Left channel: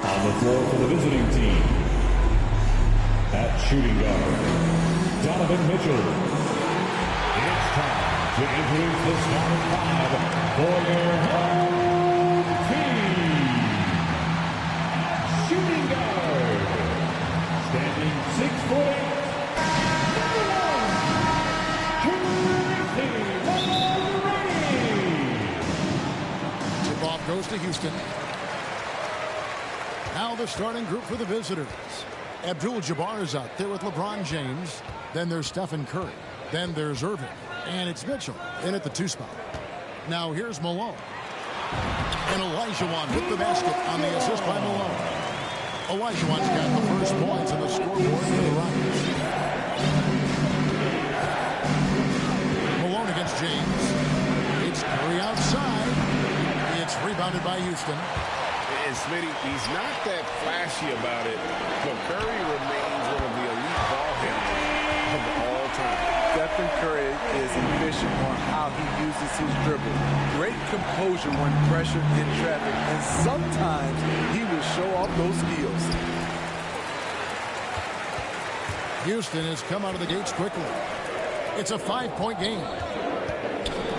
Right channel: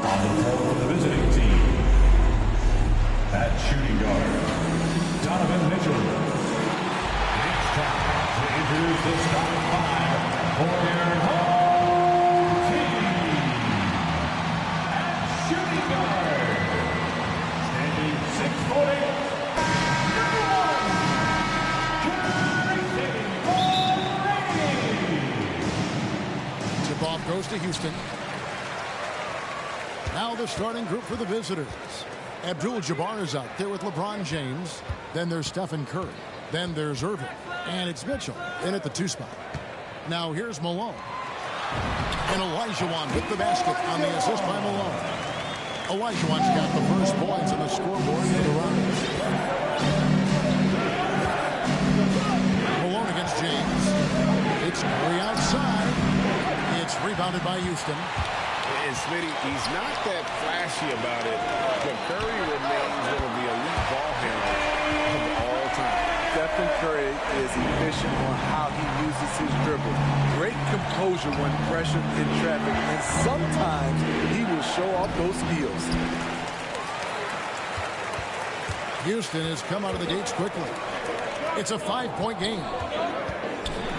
On the floor for the visiting team, at shooting guard, Donovan Mitchell. It's time to introduce the starting five for your home team. At shooting guard, standing 6'8", tip off goes to Houston. Now the starting group for the visitors. Abdul-Jabbar is out there with LeBron James. Then there's Stephen Curry. Then there's Irving. And it's Mitchell in at the 2 spot. Now here's Malone. And Olajuwon with the basket on the assist by Malone. Olajuwon's got the first points on the scoreboard for the Rockets. Malone against James. It's Curry outside. It's rebounded by Houston. And Smitty, he's not that flashy about it, but Curry remains one of the elite ball handlers of all time. Stephen Curry is efficient on how he uses his dribble. Great composure when pressured in traffic, and sometimes he will show off those skills. Houston has come out of the gates quickly. It's a 5-point game.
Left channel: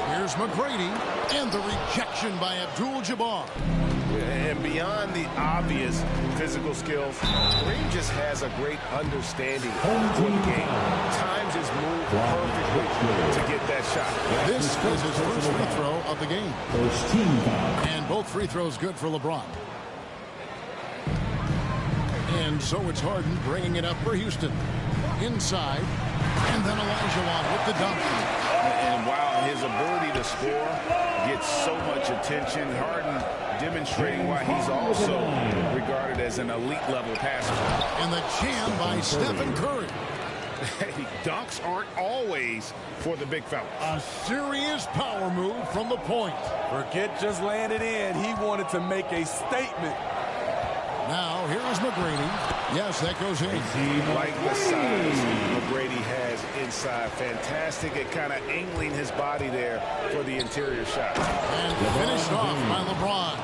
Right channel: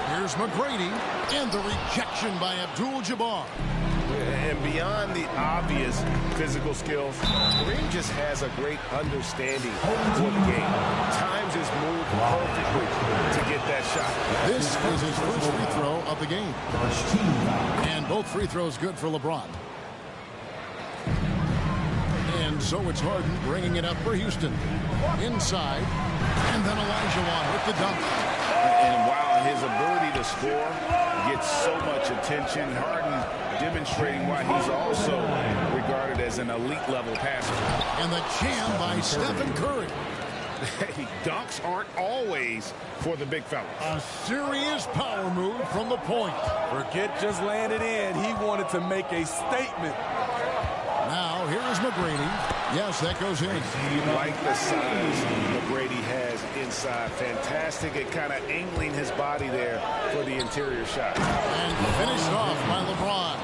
Here's McGrady, and the rejection by Abdul-Jabbar. And beyond the obvious physical skills, Kareem just has a great understanding for the game. Times his move perfectly to get that shot. This is his first free throw of the game. First team foul. And both free throws good for LeBron. And so it's Harden bringing it up for Houston. Inside. And then Olajuwon with the dunk. And while his ability to score gets so much attention, Harden demonstrating why he's also regarded as an elite-level passer. And the jam by Stephen Curry. Hey, dunks aren't always for the big fellas. A serious power move from the point. Forget just laying it in. He wanted to make a statement. Now, here is McGrady. Yes, that goes in. Like the size McGrady has inside. Fantastic at kind of angling his body there for the interior shot. And finished off by LeBron.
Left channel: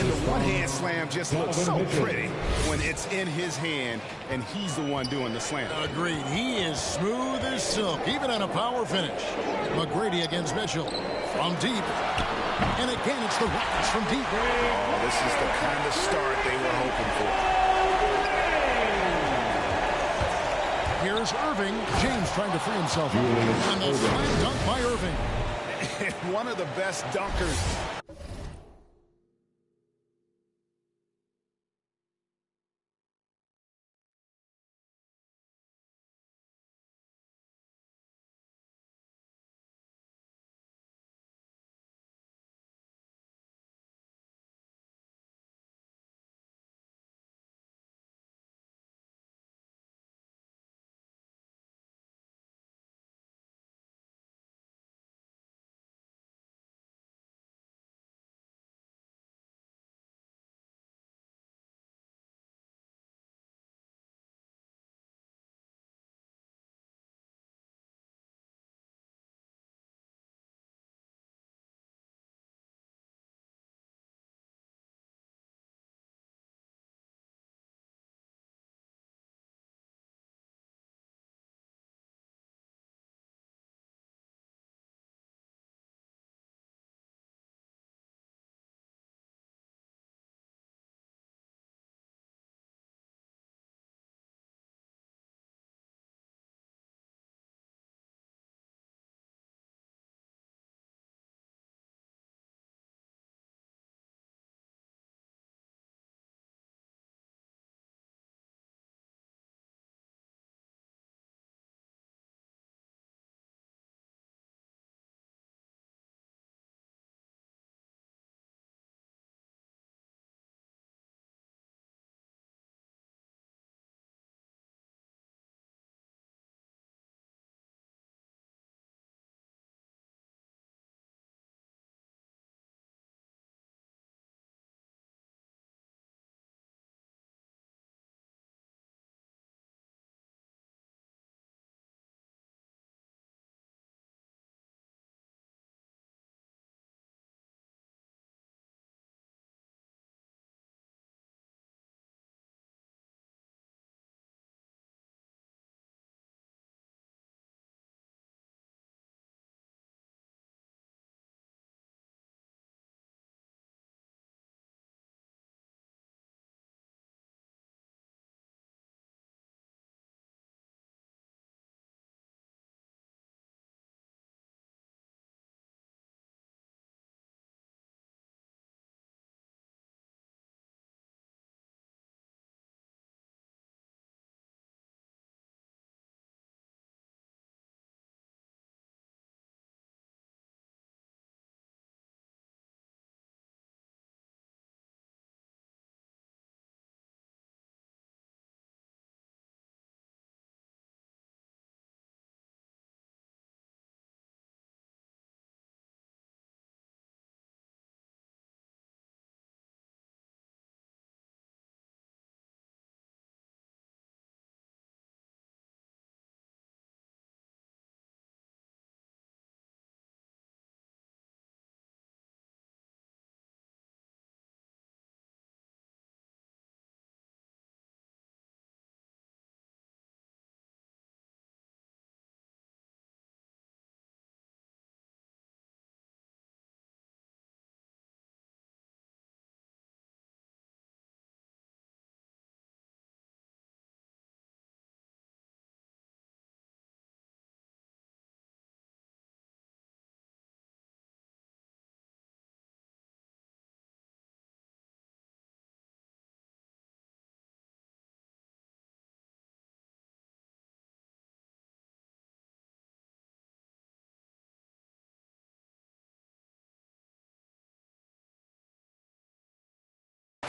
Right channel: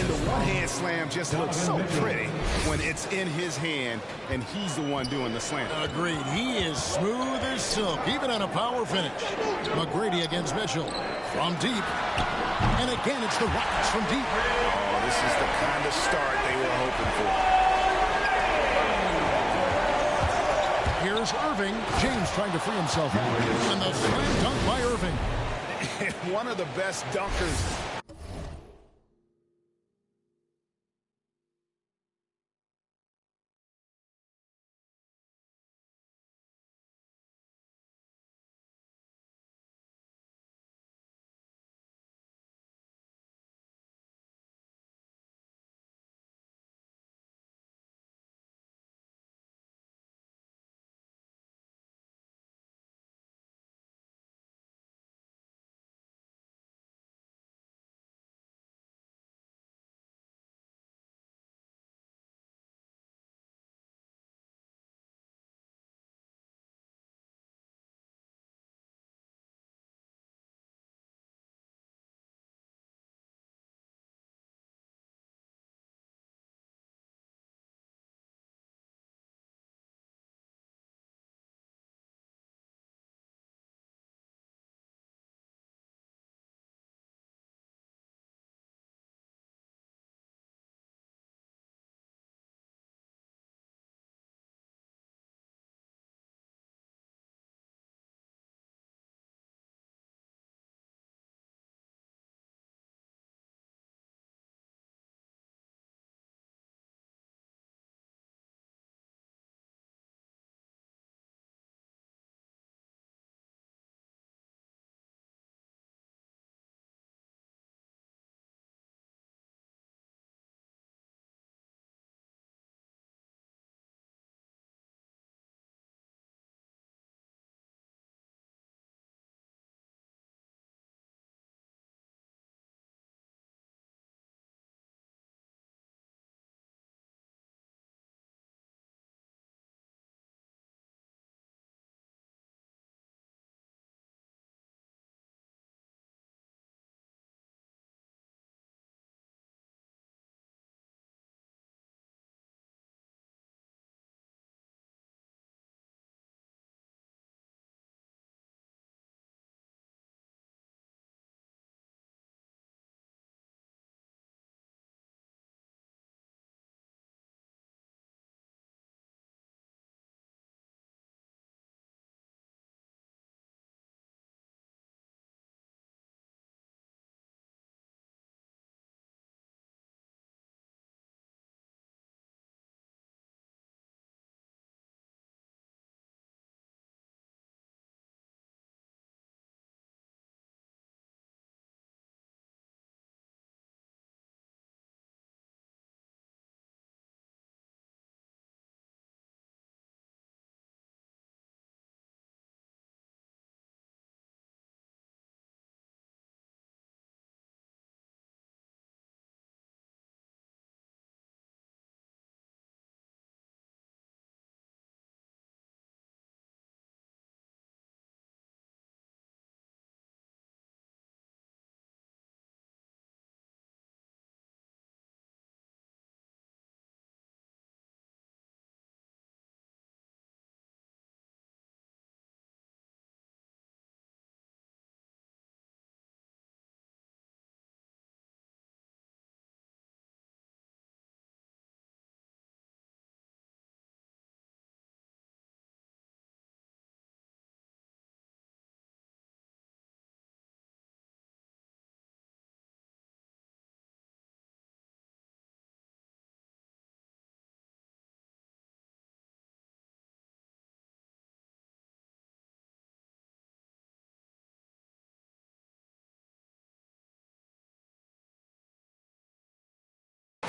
And the one-hand slam just looks so pretty when it's in his hand and he's the one doing the slam. Agreed. He is smooth as silk, even on a power finish. McGrady against Mitchell from deep. And again, it's the Rockets from deep. Oh, this is the kind of start they were hoping for. Here's Irving. James trying to free himself up. And the slam dunk by Irving. One of the best dunkers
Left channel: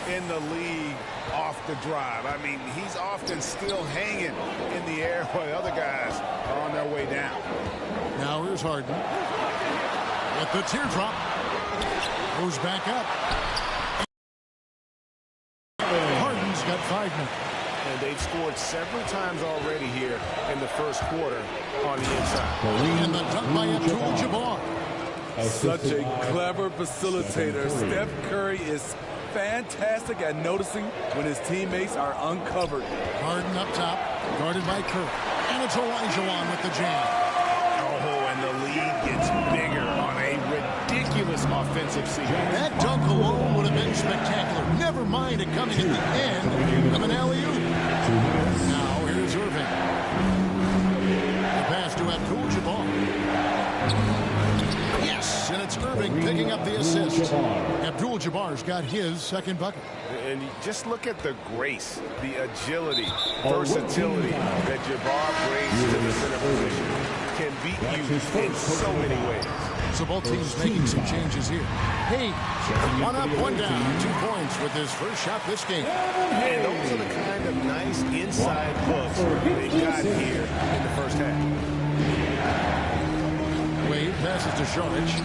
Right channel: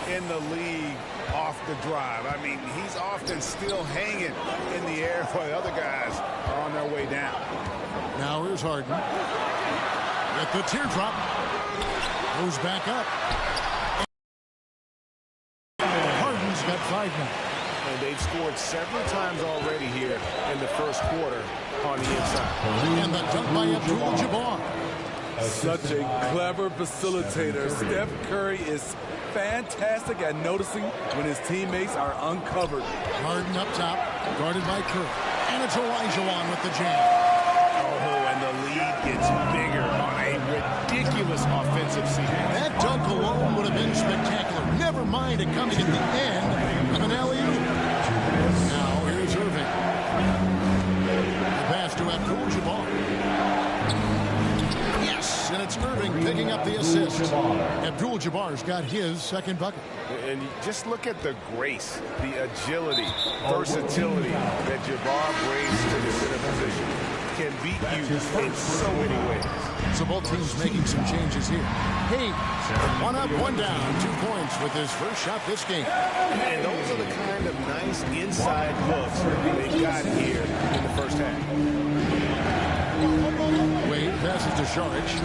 in the league off the drive. I mean, he's often still hanging in the air while the other guys are on their way down. Now here's Harden with the teardrop. Goes back up. Harden's got 5 now. And they've scored several times already here in the first quarter on the inside. And the dunk by Abdul-Jabbar. Such a clever facilitator. Steph Curry is fantastic at noticing when his teammates are uncovered. Harden up top, guarded by Curry. And it's Olajuwon with the jam. Oh, and the lead gets bigger on a ridiculous offensive sequence. That dunk alone would have been spectacular. Never mind it coming at the end of an alley-oop. Now here's Irving. The pass to Abdul-Jabbar. Yes, and it's Irving picking up the assist. Abdul-Jabbar's got his second bucket. And you just look at the grace, the agility, versatility that Jabbar brings to the center position. Can beat you in so many ways. So both teams making some changes here. Hey, 1 up, 1 down, 2 points with his first shot this game. And those are the kind of nice inside looks they got here in the first half. Wade passes to Saric.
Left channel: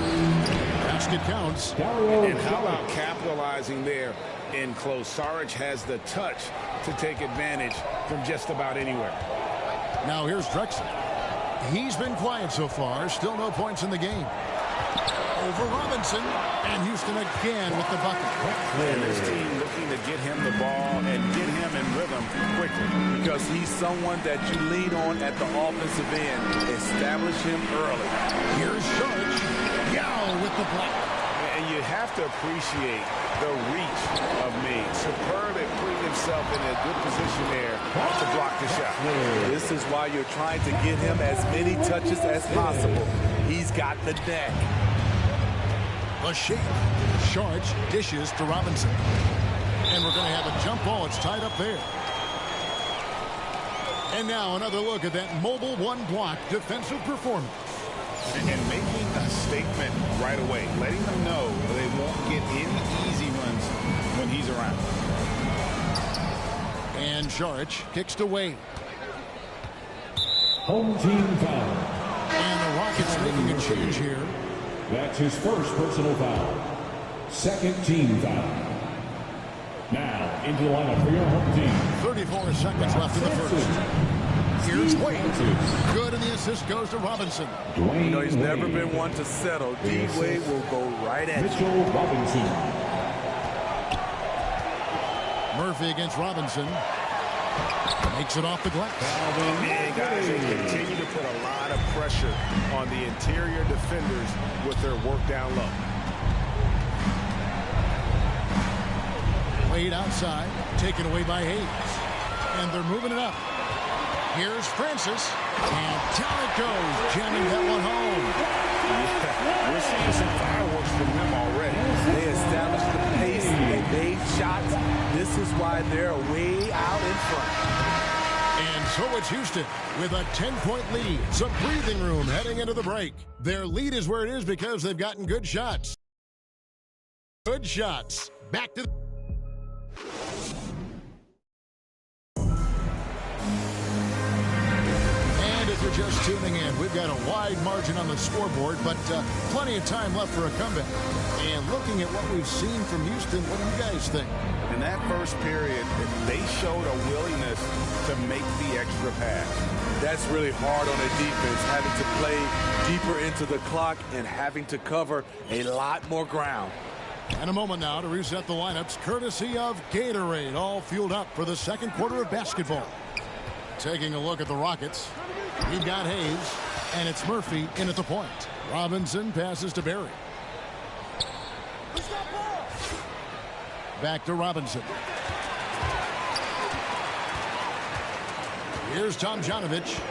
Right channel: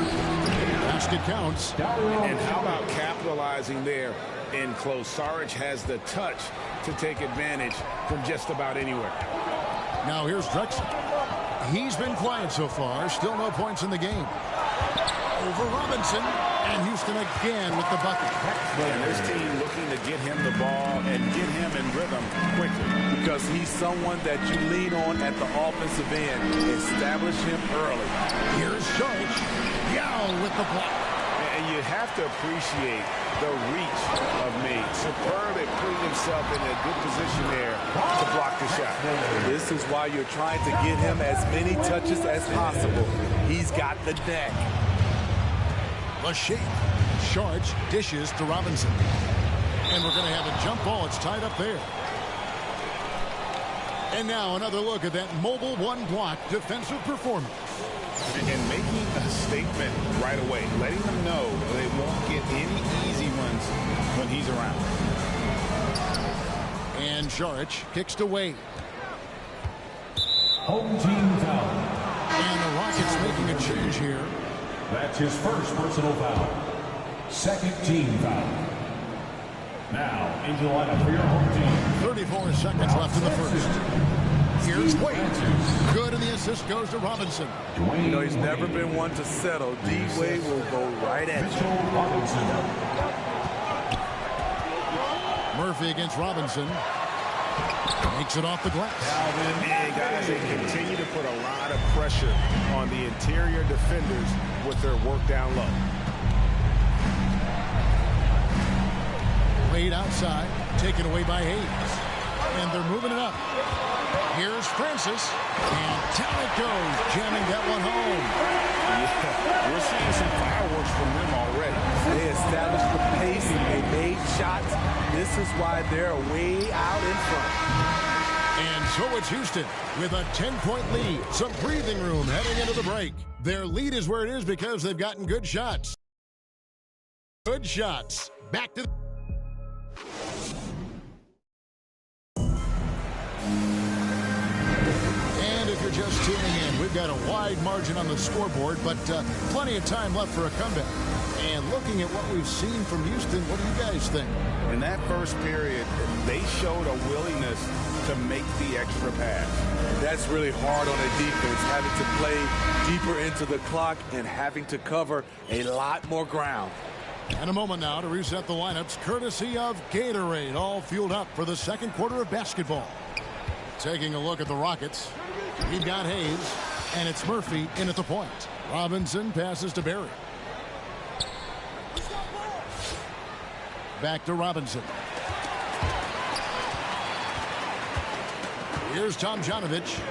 Basket counts. And how about capitalizing there in close? Saric has the touch to take advantage from just about anywhere. Now here's Drexler. He's been quiet so far. Still no points in the game. Over Robinson. And Houston again with the bucket. And this team looking to get him the ball and get him in rhythm quickly. Because he's someone that you lean on at the offensive end. Establish him early. Here's Saric. Yao with the block. And you have to appreciate the reach of May. Superb at putting himself in a good position there to block the shot. This is why you're trying to get him as many touches as possible. He's got the neck. The shape. Saric dishes to Robinson. And we're going to have a jump ball. It's tied up there. And now another look at that mobile one-block defensive performance. And making a statement right away, letting them know they won't get any easy ones when he's around. And Saric kicks to Wade. Home team foul. And the Rockets making a change here. That's his first personal foul. Second team foul. Now into the lineup for your home team. 34 seconds left in the first. Here's Wade. Good, and the assist goes to Robinson. You know, he's never been one to settle. D-Wade will go right at Mitchell Robinson. Murphy against Robinson. Makes it off the glass. And guys, they continue to put a lot of pressure on the interior defenders with their work down low. Wade outside, taken away by Hayes. And they're moving it up. Here's Francis, and down it goes, jamming that one home. Yeah, we're seeing some fireworks from them already. They established the pace, they made shots. This is why they're way out in front. And so it's Houston with a 10-point lead. Some breathing room heading into the break. Their lead is where it is because they've gotten good shots. Good shots. Back to the... If you're just tuning in, we've got a wide margin on the scoreboard, but plenty of time left for a comeback. And looking at what we've seen from Houston, what do you guys think? In that first period, they showed a willingness to make the extra pass. That's really hard on a defense, having to play deeper into the clock and having to cover a lot more ground. And a moment now to reset the lineups, courtesy of Gatorade, all fueled up for the second quarter of basketball. Taking a look at the Rockets. We've got Hayes, and it's Murphy in at the point. Robinson passes to Barry. Back to Robinson. Here's Tomjanovich,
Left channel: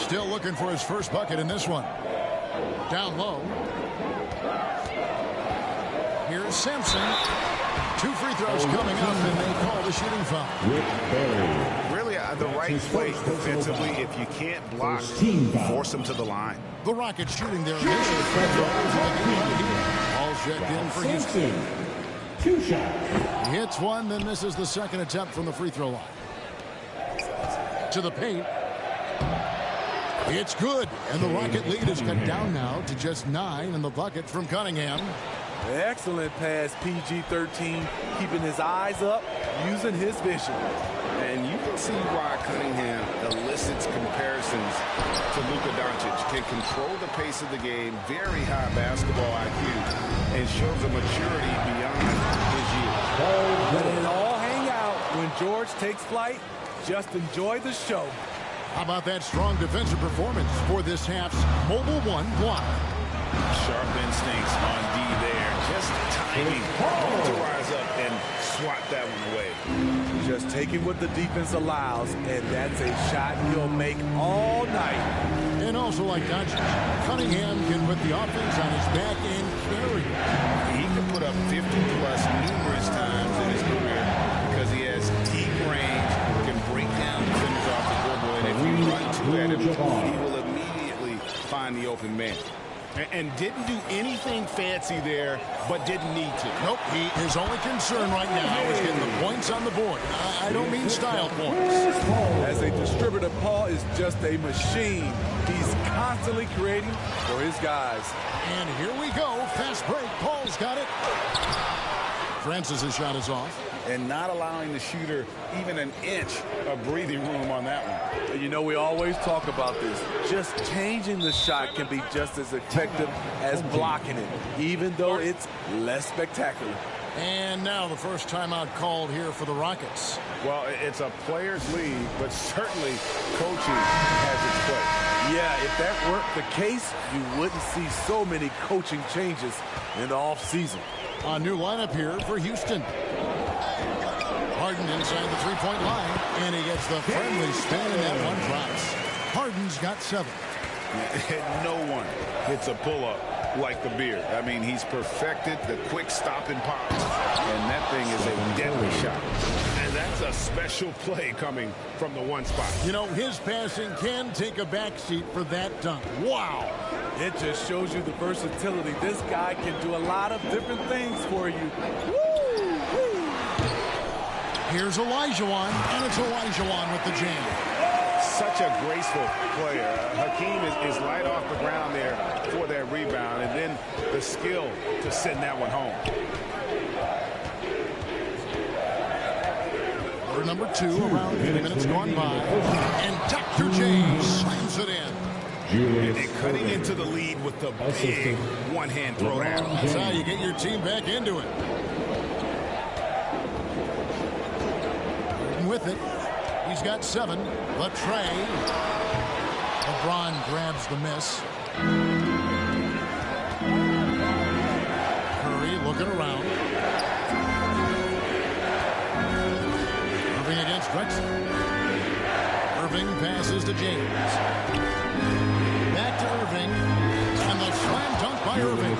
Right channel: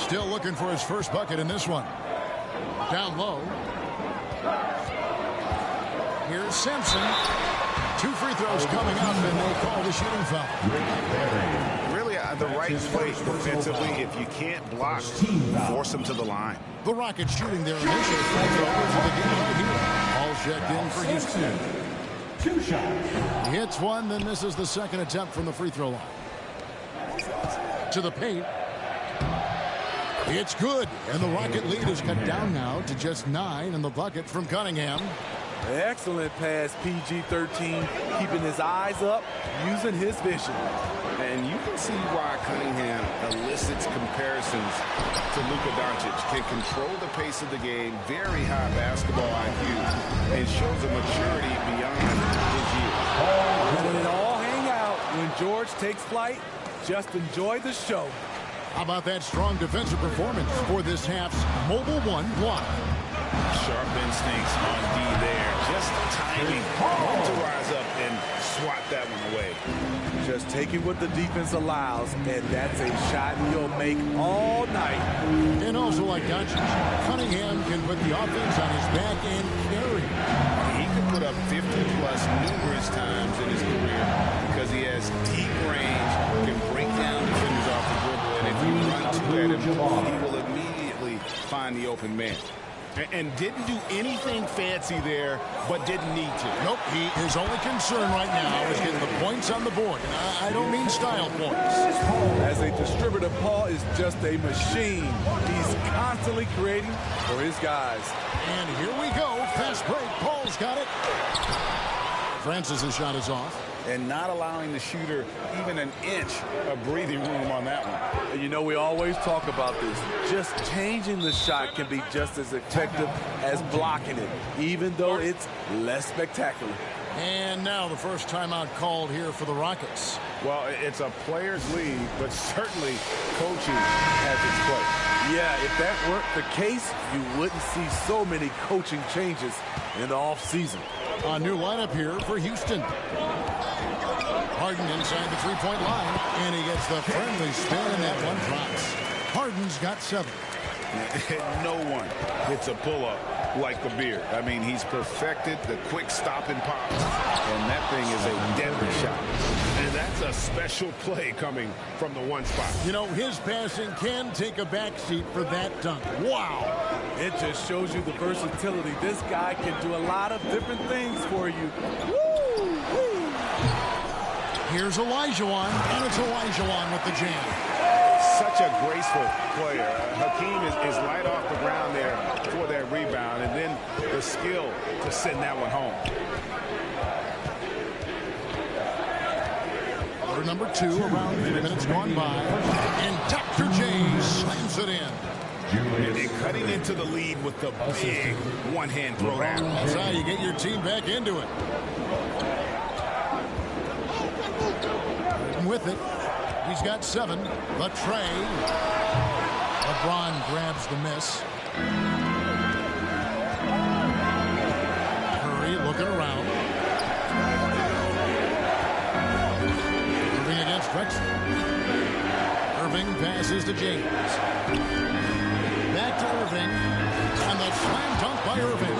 still looking for his first bucket in this one. Down low. Here's Sampson. 2 free throws coming up, and they call the shooting foul. Really the right play defensively. If you can't block, force them to the line. The Rockets shooting their initial free throws of the game right here. All checked in for Houston. 2 shots. He hits one, then misses the second attempt from the free throw line. To the paint. It's good, and the Rocket lead is cut down now to just 9 in the bucket from Cunningham. Excellent pass, PG-13, keeping his eyes up, using his vision. And you can see why Cunningham elicits comparisons to Luka Doncic. Can control the pace of the game, very high basketball IQ, and shows a maturity beyond his years. Letting it all hang out when George takes flight. Just enjoy the show. How about that strong defensive performance for this half's Mobile One block? Sharp instincts on D there. Just timing when to rise up and swat that one away. Just taking what the defense allows, and that's a shot he'll make all night. And also like Doncic, Cunningham can put the offense on his back and carry. He can put up 50-plus numerous times in his career because he has deep range, can break down defenders off the dribble, and if you run two at him, he will immediately find the open man. And didn't do anything fancy there, but didn't need to. Nope, his only concern right now is getting the points on the board. I don't mean style points. As a distributor, Paul is just a machine. He's constantly creating for his guys. And here we go. Fast break. Paul's got it. Francis's shot is off. And not allowing the shooter even an inch of breathing room on that one. And you know, we always talk about this. Just changing the shot can be just as effective as blocking it, even though it's less spectacular. And now the first timeout called here for the Rockets. Well, it's a player's league, but certainly coaching has its place. Yeah, if that weren't the case, you wouldn't see so many coaching changes in the offseason. A new lineup here for Houston. Harden inside the three-point line, and he gets the friendly spin, and that one drops. Harden's got 7. No one hits a pull-up like the Beard. I mean, he's perfected the quick stop and pop, and that thing is a deadly shot. And that's a special play coming from the one spot. You know, his passing can take a backseat for that dunk. Wow. It just shows you the versatility. This guy can do a lot of different things for you. Woo! Here's Olajuwon, and it's Olajuwon with the jam. Such a graceful player. Hakeem is light off the ground there for that rebound, and then the skill to send that one home. Quarter number 2, around 3 minutes gone by, and Dr. J slams it in. And cutting into the lead with the big one-hand throwdown. That's how you get your team back into it. With it, he's got 7. The tray. LeBron grabs the miss. Curry looking around. Irving against Drexler. Irving passes to James. Back to Irving. And the slam dunk by Irving.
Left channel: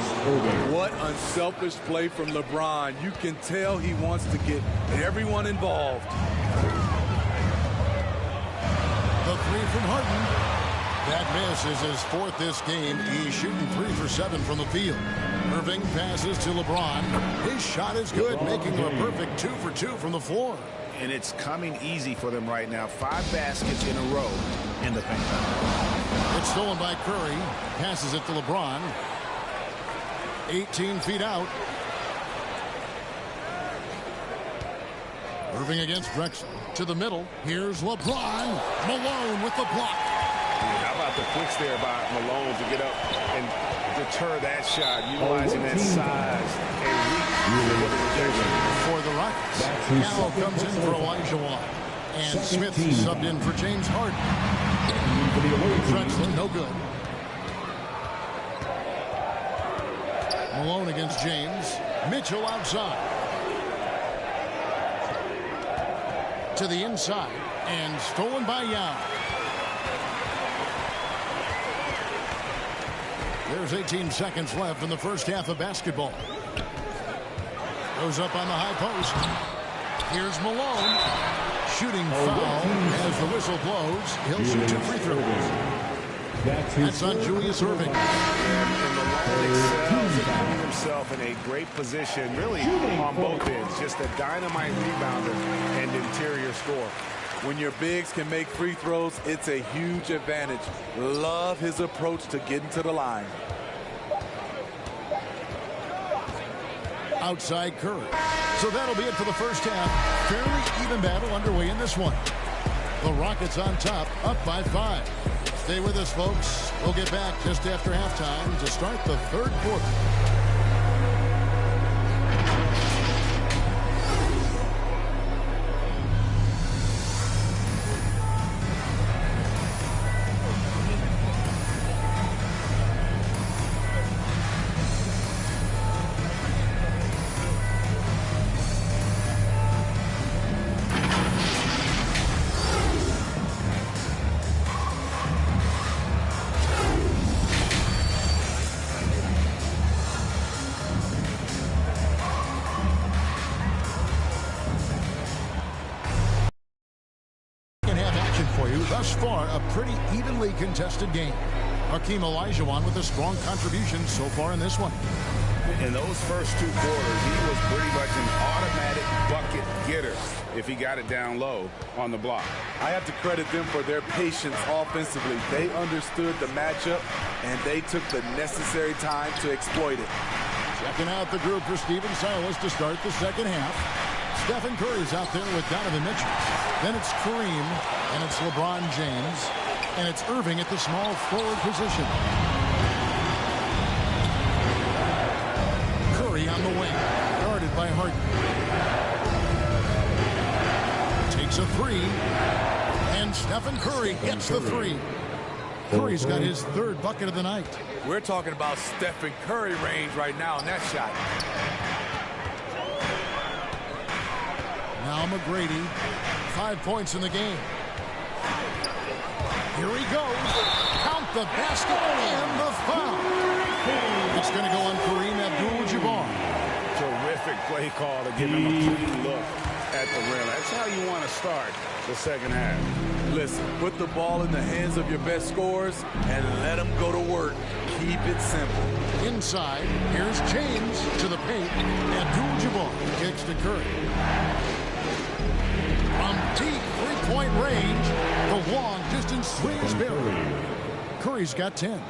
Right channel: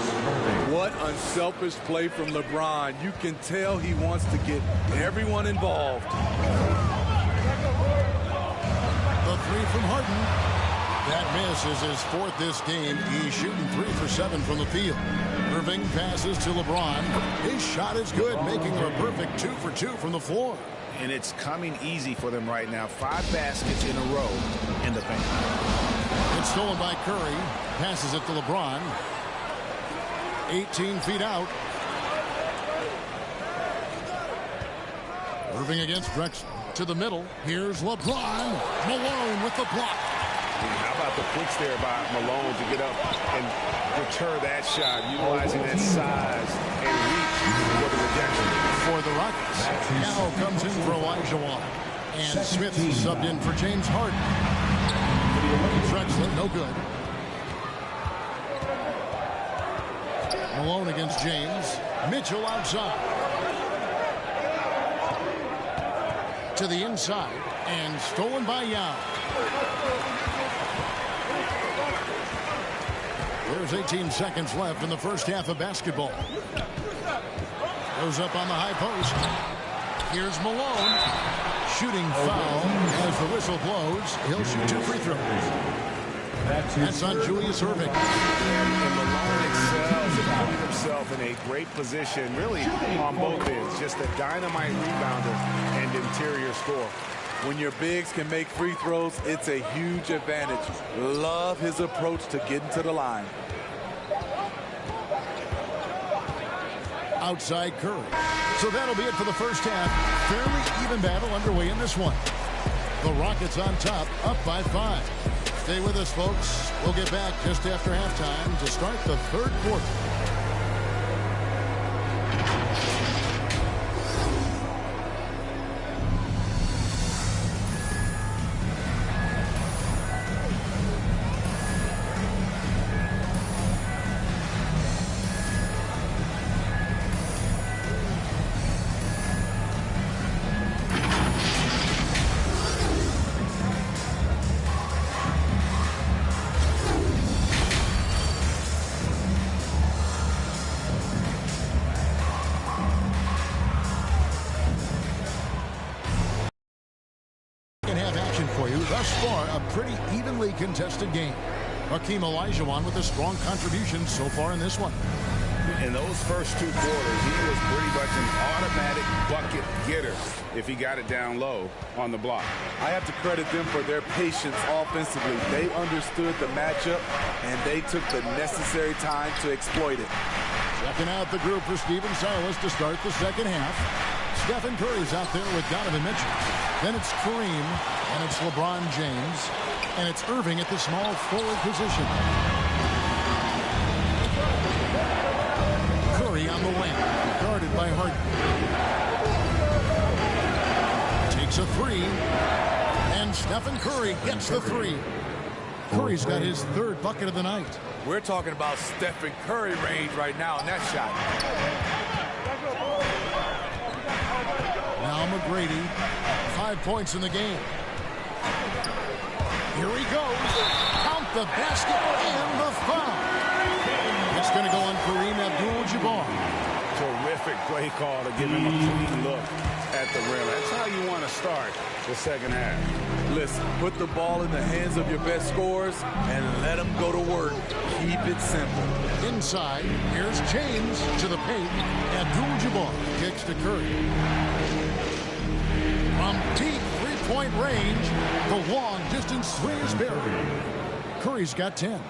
What unselfish play from LeBron. You can tell he wants to get everyone involved. The 3 from Harden. That miss is his 4th this game. He's shooting 3 for 7 from the field. Irving passes to LeBron. His shot is good, making him a perfect 2 for 2 from the floor. And it's coming easy for them right now. 5 baskets in a row in the paint. It's stolen by Curry. Passes it to LeBron. 18 feet out. Irving against Drexler. To the middle. Here's LeBron. Malone with the block. How about the quicks there by Malone to get up and deter that shot, utilizing that size and reach for the rejection. For the Rockets. Now comes in for Olajuwon. And Smith subbed in for James Harden. Drexler, no good. Malone against James. Mitchell outside. To the inside. And stolen by Yao. There's 18 seconds left in the first half of basketball. Goes up on the high post. Here's Malone. Shooting foul as the whistle blows. He'll shoot 2 free throws. That's on Julius Erving. And Malone excels at putting himself in a great position, really on both ends. Just a dynamite rebounder and interior scorer. When your bigs can make free throws, it's a huge advantage. Love his approach to getting to the line. Outside Curry. So that'll be it for the first half. Fairly even battle underway in this one. The Rockets on top, up by 5. Stay with us, folks. We'll get back just after halftime to start the third quarter. For you thus far, a pretty evenly contested game. Hakeem Olajuwon with a strong contribution so far in this one. In those first 2 quarters, he was pretty much an automatic bucket getter if he got it down low on the block. I have to credit them for their patience offensively. They understood the matchup, and they took the necessary time to exploit it. Checking out the group for Stephen Silas to start the second half. Stephen Curry's out there with Donovan Mitchell. Then it's Kareem, and it's LeBron James, and it's Irving at the small forward position. Curry on the wing, guarded by Harden. Takes a 3, and Stephen Curry gets the 3. Curry's got his 3rd bucket of the night. We're talking about Stephen Curry range right now in that shot. Now McGrady, 5 points in the game. Here he goes. Count the basket and the foul. It's going to go on Kareem Abdul-Jabbar. Terrific play call to give him a clean look at the rim. That's how you want to start the second half. Listen, put the ball in the hands of your best scorers and let them go to work. Keep it simple. Inside, here's James to the paint. Abdul-Jabbar kicks to Curry. From deep three-point range, the long-distance three is buried. Curry's got 10.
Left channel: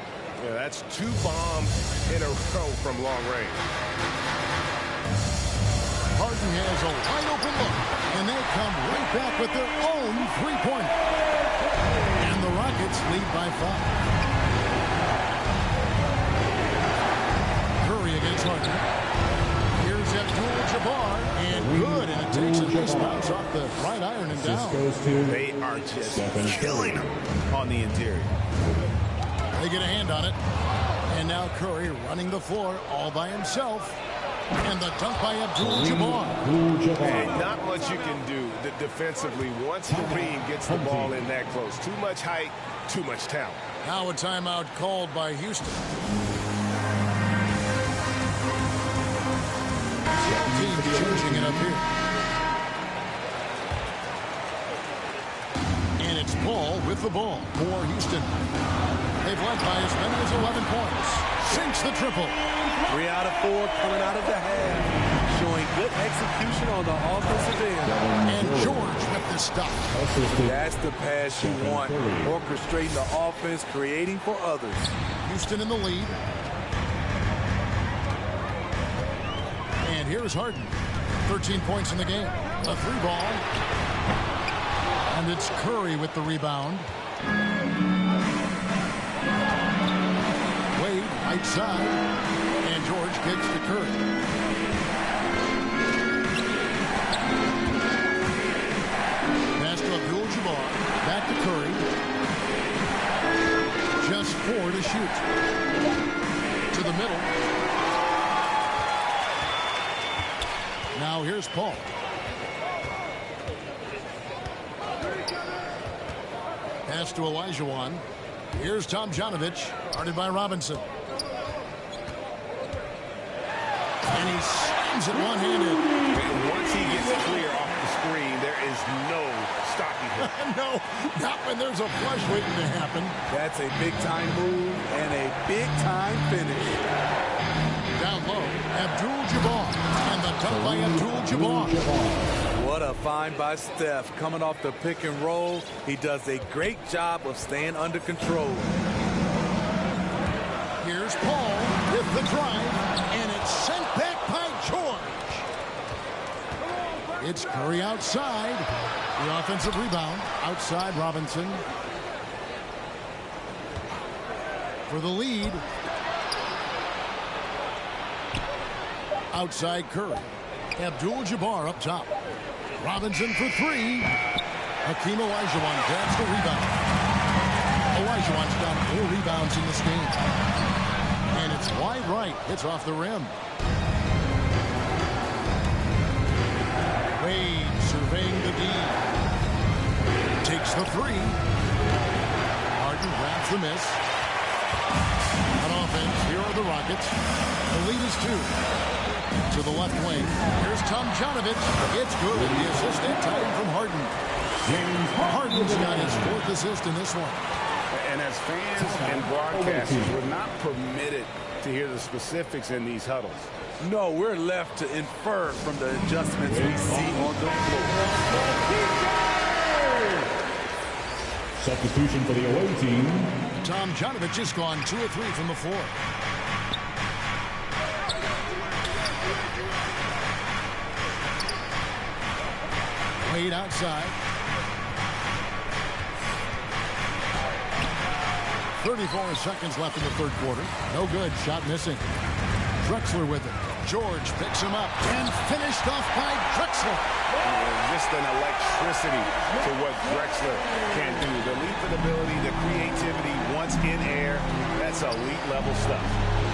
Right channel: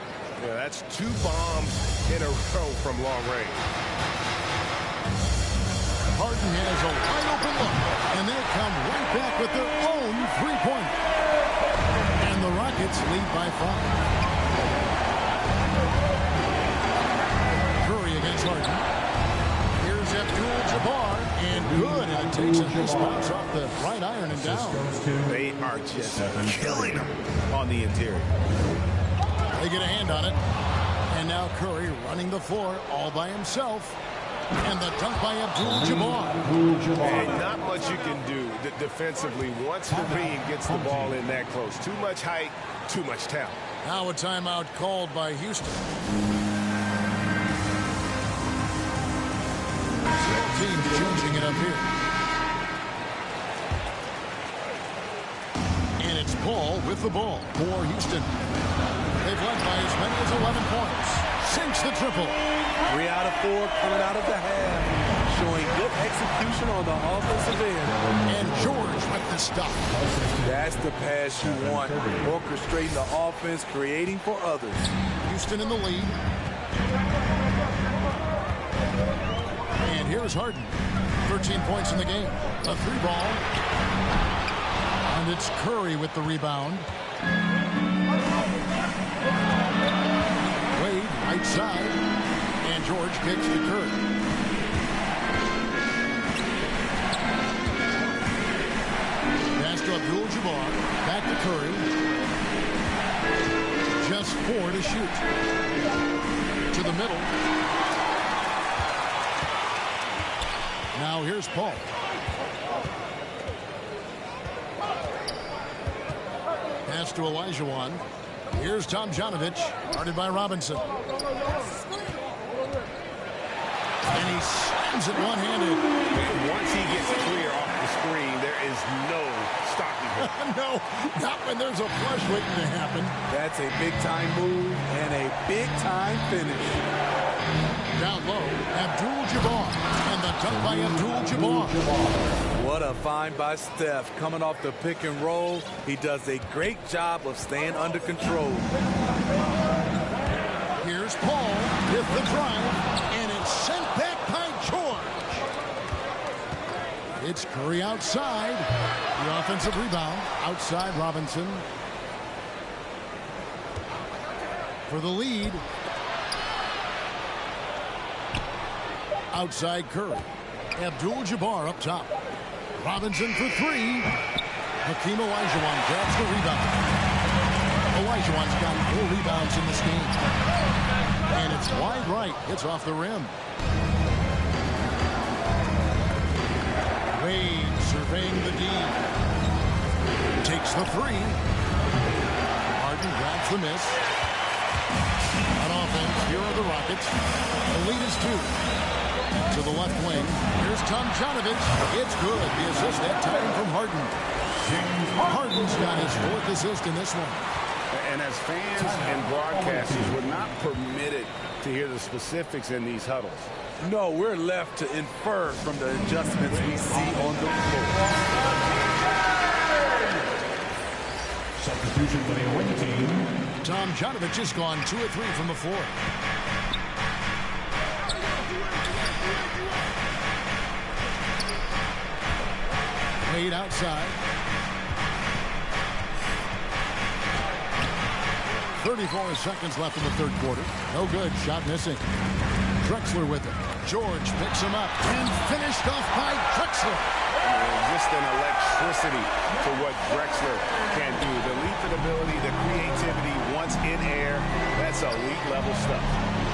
Yeah, that's 2 bombs in a row from long range. Harden has a wide-open look, and they come right back with their own three-pointer. And the Rockets lead by 5. Curry against Harden. Here's Abdul-Jabbar, and good, and it takes a nice bounce off the right iron and down. They are just killing them on the interior. They get a hand on it, and now Curry running the floor all by himself. And the dunk by Abdul-Jabbar. Hey, not much you can do defensively once Kareem gets the ball in that close. Too much height, too much talent. Now a timeout called by Houston. Both teams changing it up here. And it's Paul with the ball for Houston. They've led by as many as 11 points. Sinks the triple. 3 out of 4 coming out of the half. Showing good execution on the offensive end. And George with the stop. That's the pass you want. Orchestrating the offense, creating for others. Houston in the lead. And here's Harden. 13 points in the game. A 3-ball. And it's Curry with the rebound. Wade, right side. And George kicks to Curry. Pass to Abdul-Jabbar. Back to Curry. Just 4 to shoot. To the middle. Now here's Paul. Pass to Olajuwon. Here's Tomjanovich, guarded by Robinson. And he slams it one-handed. And once he gets clear off the screen. There is no stopping him. No, not when there's a flush waiting to happen. That's a big-time move and a big-time finish. Down low, Abdul-Jabbar. And the dunk by Abdul-Jabbar. What a find by Steph. Coming off the pick and roll, he does a great job of staying under control. Here's Paul with the drive, and it's sent back by George. It's Curry outside. The offensive rebound. Outside Robinson. For the lead. Outside Curry. Abdul-Jabbar up top. Robinson for three. Hakeem Olajuwon grabs the rebound. Olajuwon's got 4 rebounds in this game. And it's wide right. It's off the rim. Wade surveying the D. Takes the three. Harden grabs the miss. On offense, here are the Rockets. The lead is 2. To the left wing. Here's Tomjanovich. It's good. The assist that time from Harden. Harden's got his 4th assist in this one. And as fans and broadcasters, we're not permitted to hear the specifics in these huddles. No, we're left to infer from the adjustments we see on the floor. Substitution for the away team. Tomjanovich has gone 2 of 3 from the floor. Wade outside. 34 seconds left in the third quarter. No good. Shot missing. Drexler with it. George picks him up and finished off by Drexler. Just an electricity to what Drexler can do. The leaping ability, the creativity once in air. That's elite level stuff.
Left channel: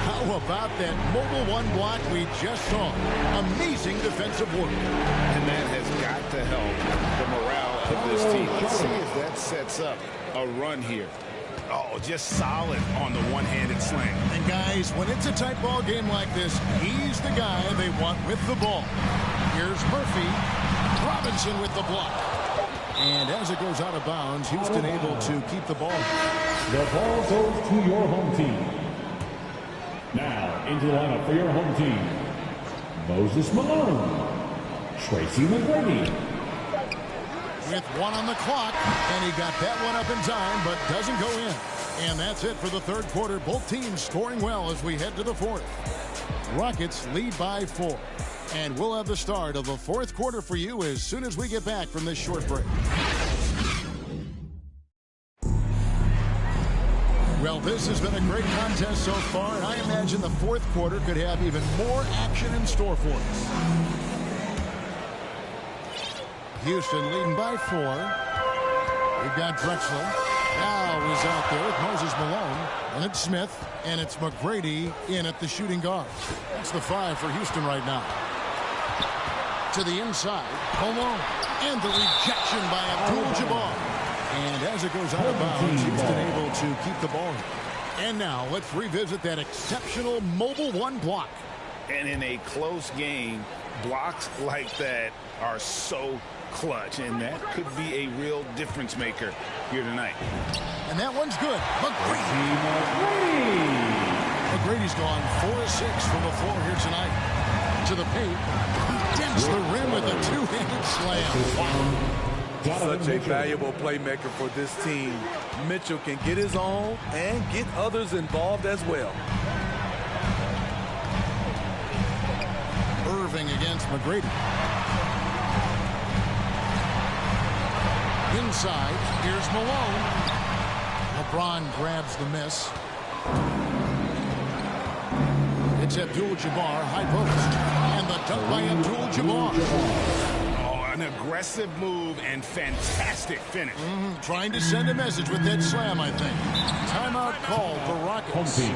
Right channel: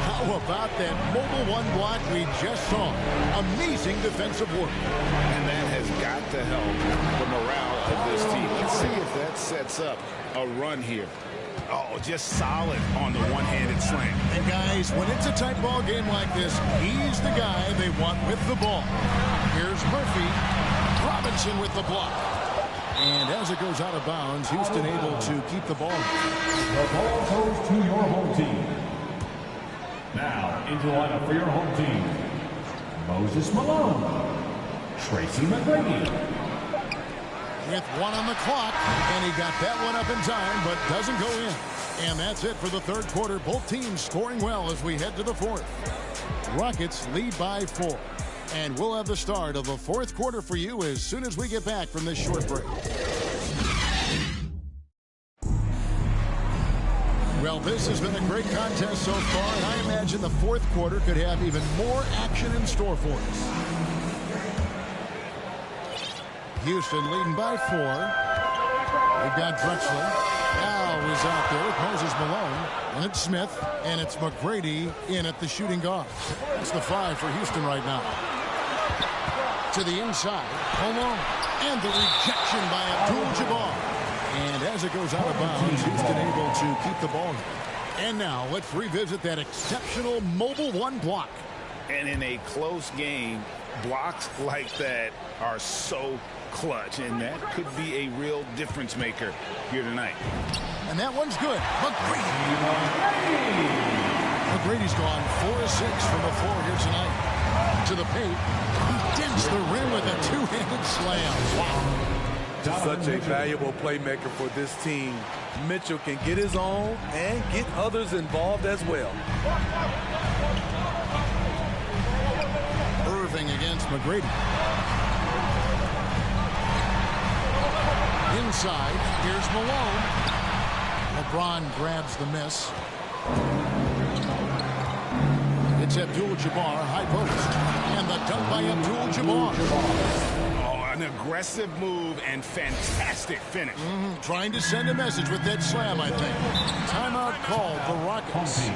How about that mobile 1 block we just saw? Amazing defensive work. And that has got to help the morale of this team. Let's see if that sets up a run here. Oh, just solid on the one-handed slam. And guys, when it's a tight ball game like this, he's the guy they want with the ball. Here's Murphy. Robinson with the block. And as it goes out of bounds, Houston able to keep the ball. The ball goes to your home team. Now, into the lineup for your home team. Moses Malone. Tracy McGrady. With 1 on the clock, and he got that one up in time, but doesn't go in. And that's it for the third quarter. Both teams scoring well as we head to the 4th. Rockets lead by 4. And we'll have the start of the 4th quarter for you as soon as we get back from this short break. Well, this has been a great contest so far, and I imagine the 4th quarter could have even more action in store for us. Houston leading by 4. We've got Drexler. Now is out there with Moses Malone. And it's Smith. And it's McGrady in at the shooting guard. That's the 5 for Houston right now. To the inside, Malone. And the rejection by Abdul-Jabbar. And as it goes out of bounds, Houston able to keep the ball. And now let's revisit that exceptional mobile 1 block. And in a close game, blocks like that are so clutch, and that could be a real difference maker here tonight. And that one's good. McGrady's gone 4 of 6 from the floor here tonight. To the paint. He dents the rim with a 2-handed slam. Wow. Such a valuable playmaker for this team. Mitchell can get his own and get others involved as well. Irving against McGrady. Inside, here's Malone. LeBron grabs the miss. It's Abdul-Jabbar, high post. And the dunk by Abdul-Jabbar. Oh, an aggressive move and fantastic finish. Trying to send a message with that slam, I think. Timeout called the Rockets.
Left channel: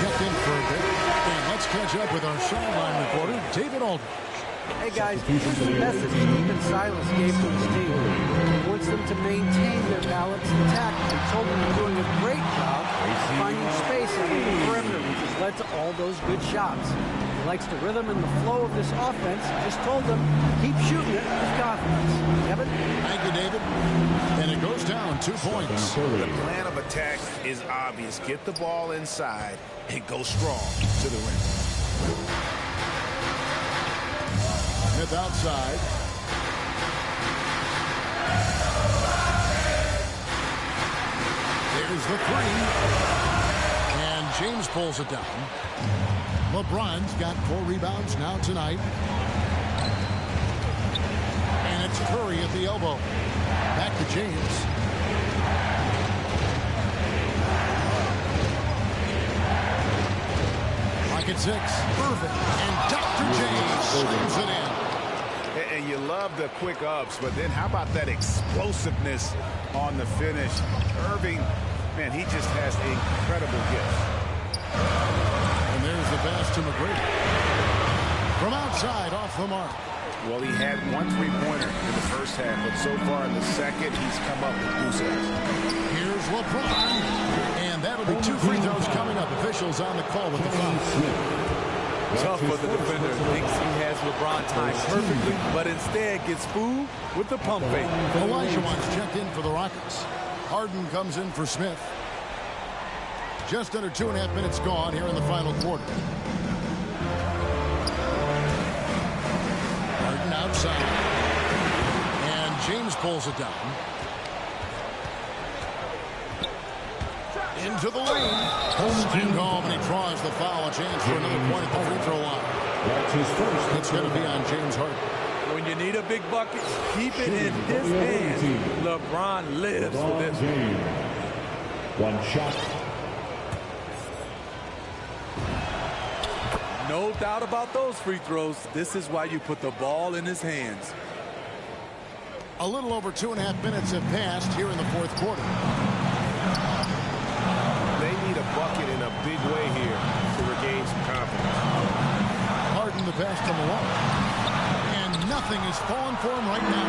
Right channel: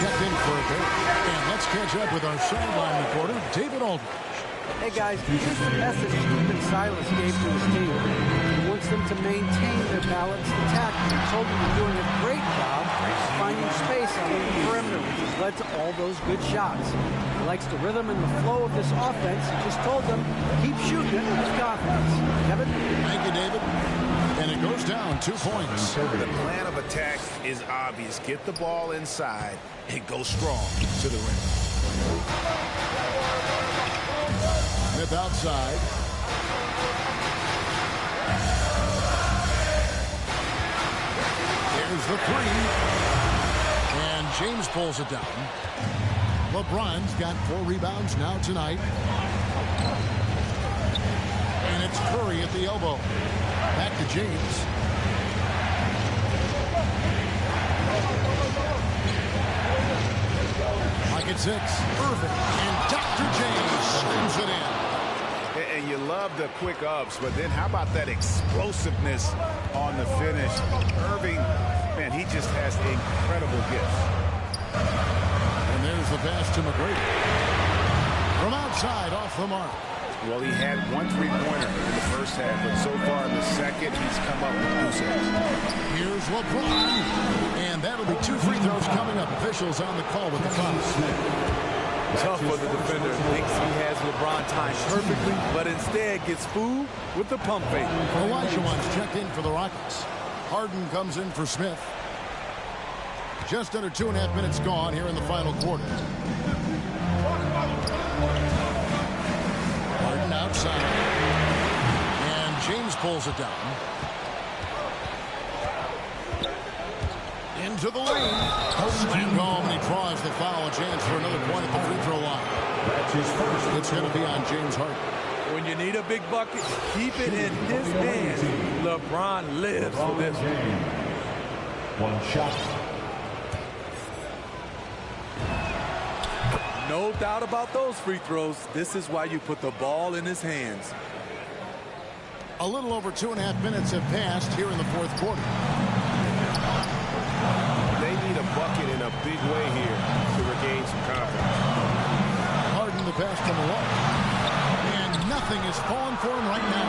Checked in for a bit. And let's catch up with our sideline reporter, David Aldridge. Hey guys, here's the message Stephen Silas gave to his team. He wants wants them to maintain their balanced attack. He told them they're doing a great job finding space out on the perimeter, which has led to all those good shots. He likes the rhythm and the flow of this offense. He just told them, keep shooting it with confidence. Kevin? Thank you, David. And it goes down 2 points. The plan of attack is obvious. Get the ball inside and go strong to the rim. Smith outside. There's the three. And James pulls it down. LeBron's got 4 rebounds now tonight. And it's Curry at the elbow. Back to James. Pocket 6. Irving. And Dr. James slams it in. And you love the quick ups, but then how about that explosiveness on the finish? Irving, man, he just has incredible gifts. And there's the pass to McGrady. From outside, off the mark. Well, he had 1 3-pointer in the first half, but so far in the second, he's come up with goose eggs. Here's LeBron. And that'll be 2 free throws coming up. Officials on the call with the foul. Tough for the defender. Thinks he has LeBron timed perfectly, but instead gets fooled with the pump fake. Olajuwon's checked in for the Rockets. Harden comes in for Smith. Just under 2.5 minutes gone here in the final quarter. Harden outside. And James pulls it down. Into the lane. Slammed home, and he draws the foul. A chance for another point at the free throw line. That's his first. It's going to be on James Harden. When you need a big bucket, keep it in his hands. LeBron lives for this. One shot. No doubt about those free throws. This is why you put the ball in his hands. A little over 2.5 minutes have passed here in the fourth quarter. They need a bucket in a big way here to regain some confidence. Harden the pass to Malone. And nothing is falling for him right now.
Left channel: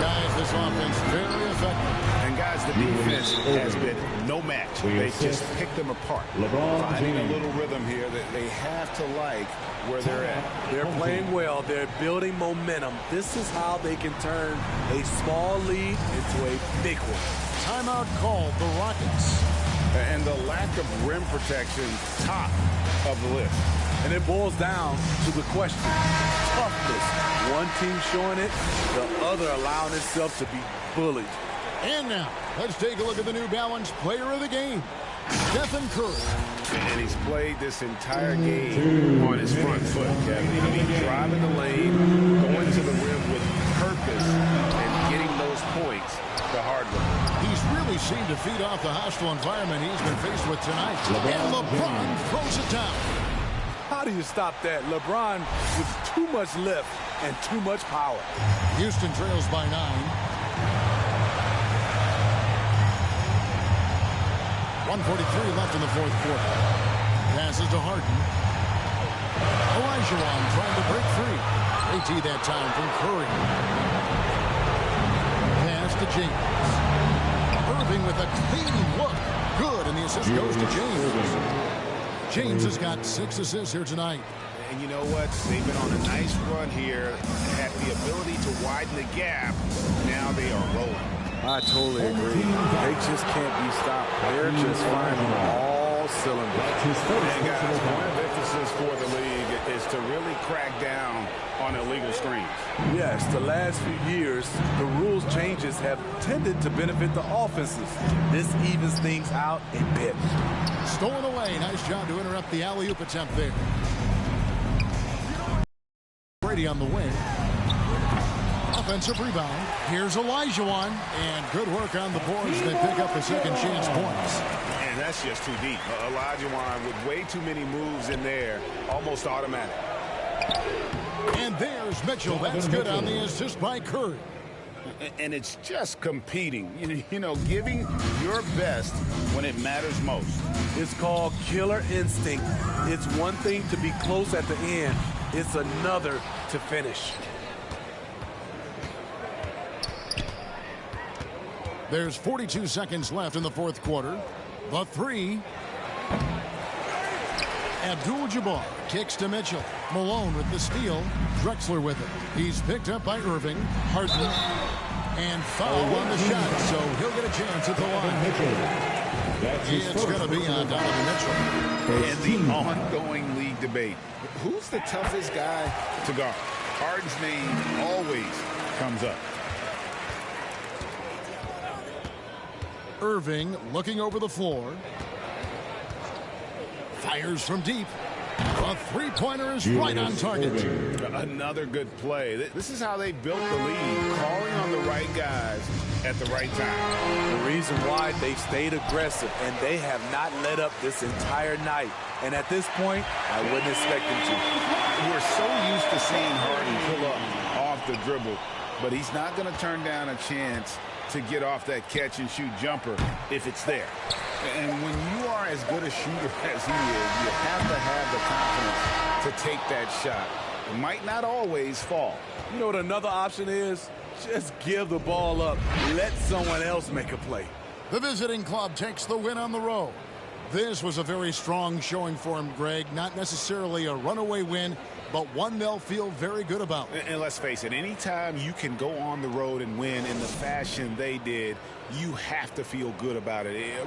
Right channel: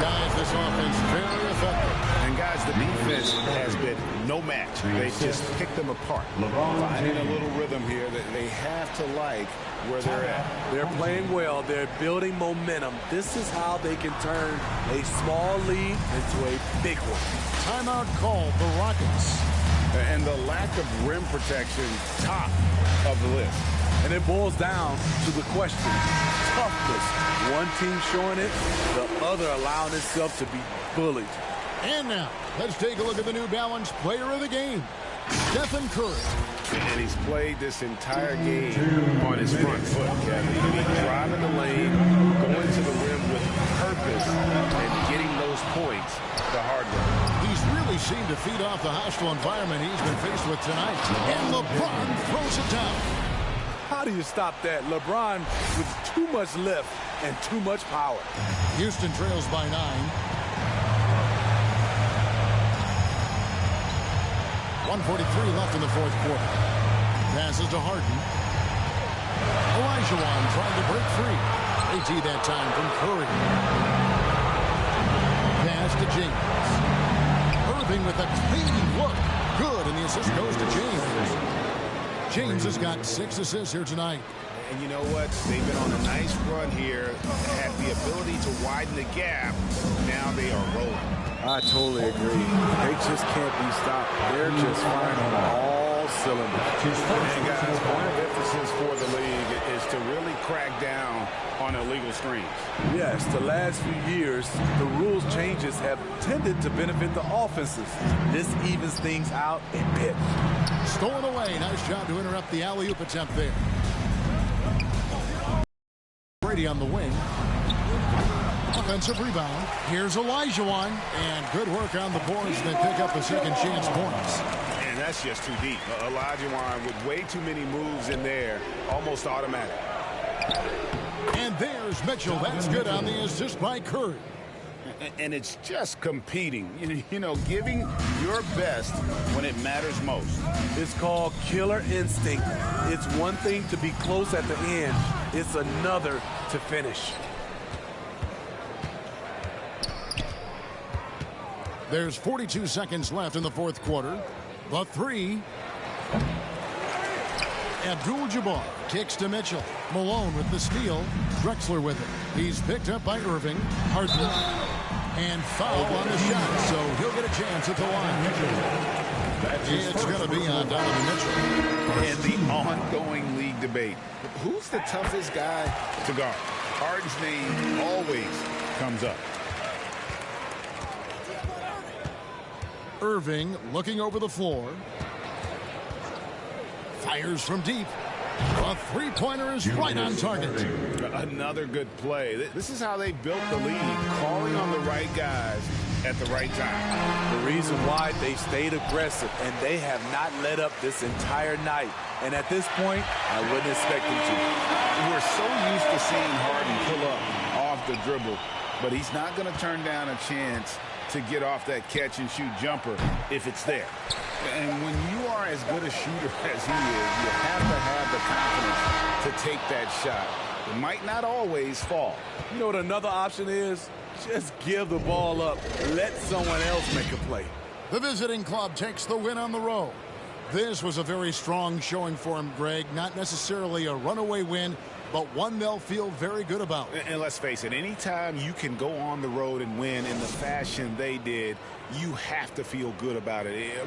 Guys, this offense very effective. And guys, the defense has been no match. They just picked them apart. Finding a little rhythm here that they have to like where they're at. They're playing well. They're building momentum. This is how they can turn a small lead into a big one. Timeout called the Rockets. And the lack of rim protection, top of the list. And it boils down to the question, toughness. One team showing it, the other allowing itself to be bullied. And now, let's take a look at the New Balance player of the game, Stephen Curry. And he's played this entire game on his front foot, Kevin. I mean, driving the lane, going to the rim with purpose, and getting those points the hard way. He's really seemed to feed off the hostile environment he's been faced with tonight. And LeBron throws it down. How do you stop that? LeBron with too much lift and too much power. Houston trails by 9. 1:43 left in the fourth quarter. Passes to Harden. Olajuwon trying to break free. AT that time from Curry. Pass to James. Irving with a clean look. Good, and the assist goes to James. James has got 6 assists here tonight. And you know what? They've been on a nice run here, had the ability to widen the gap. Now they are rolling. I totally agree. They just can't be stopped. They're just firing on all cylinders. And guys, point of emphasis for the league is to really crack down on illegal screens. Yes, the last few years, the rules changes have tended to benefit the offenses. This evens things out a bit. Stolen away. Nice job to interrupt the alley-oop attempt there. Brady on the wing. Offensive rebound. Here's Olajuwon. And good work on the boards. They pick up the second chance points. And that's just too deep. Olajuwon with way too many moves in there. Almost automatic. And there's Mitchell. That's good on the assist by Curry. And it's just competing. You know, giving your best when it matters most. It's called killer instinct. It's one thing to be close at the end. It's another to finish. There's 42 seconds left in the fourth quarter. The three. Abdul-Jabbar kicks to Mitchell. Malone with the steal. Drexler with it. He's picked up by Irving. Harden. And foul on the shot, so he'll get a chance at the line. It's going to be on Donovan Mitchell. And the ongoing league debate. Who's the toughest guy to guard? Harden's name always comes up. Irving looking over the floor. Fires from deep. A three-pointer is right on target. Another good play. This is how they built the lead, calling on the right guys at the right time. The reason why they've stayed aggressive, and they have not let up this entire night. And at this point, I wouldn't expect them to. We're so used to seeing Harden pull up off the dribble, but he's not going to turn down a chance to get off that catch-and-shoot jumper if it's there. And when you are as good a shooter as he is, you have to have the confidence to take that shot. It might not always fall. You know what another option is? Just give the ball up. Let someone else make a play. The visiting club takes the win on the road. This was a very strong showing for him, Greg. Not necessarily a runaway win, but one they'll feel very good about. And let's face it, anytime you can go on the road and win in the fashion they did, you have to feel good about it.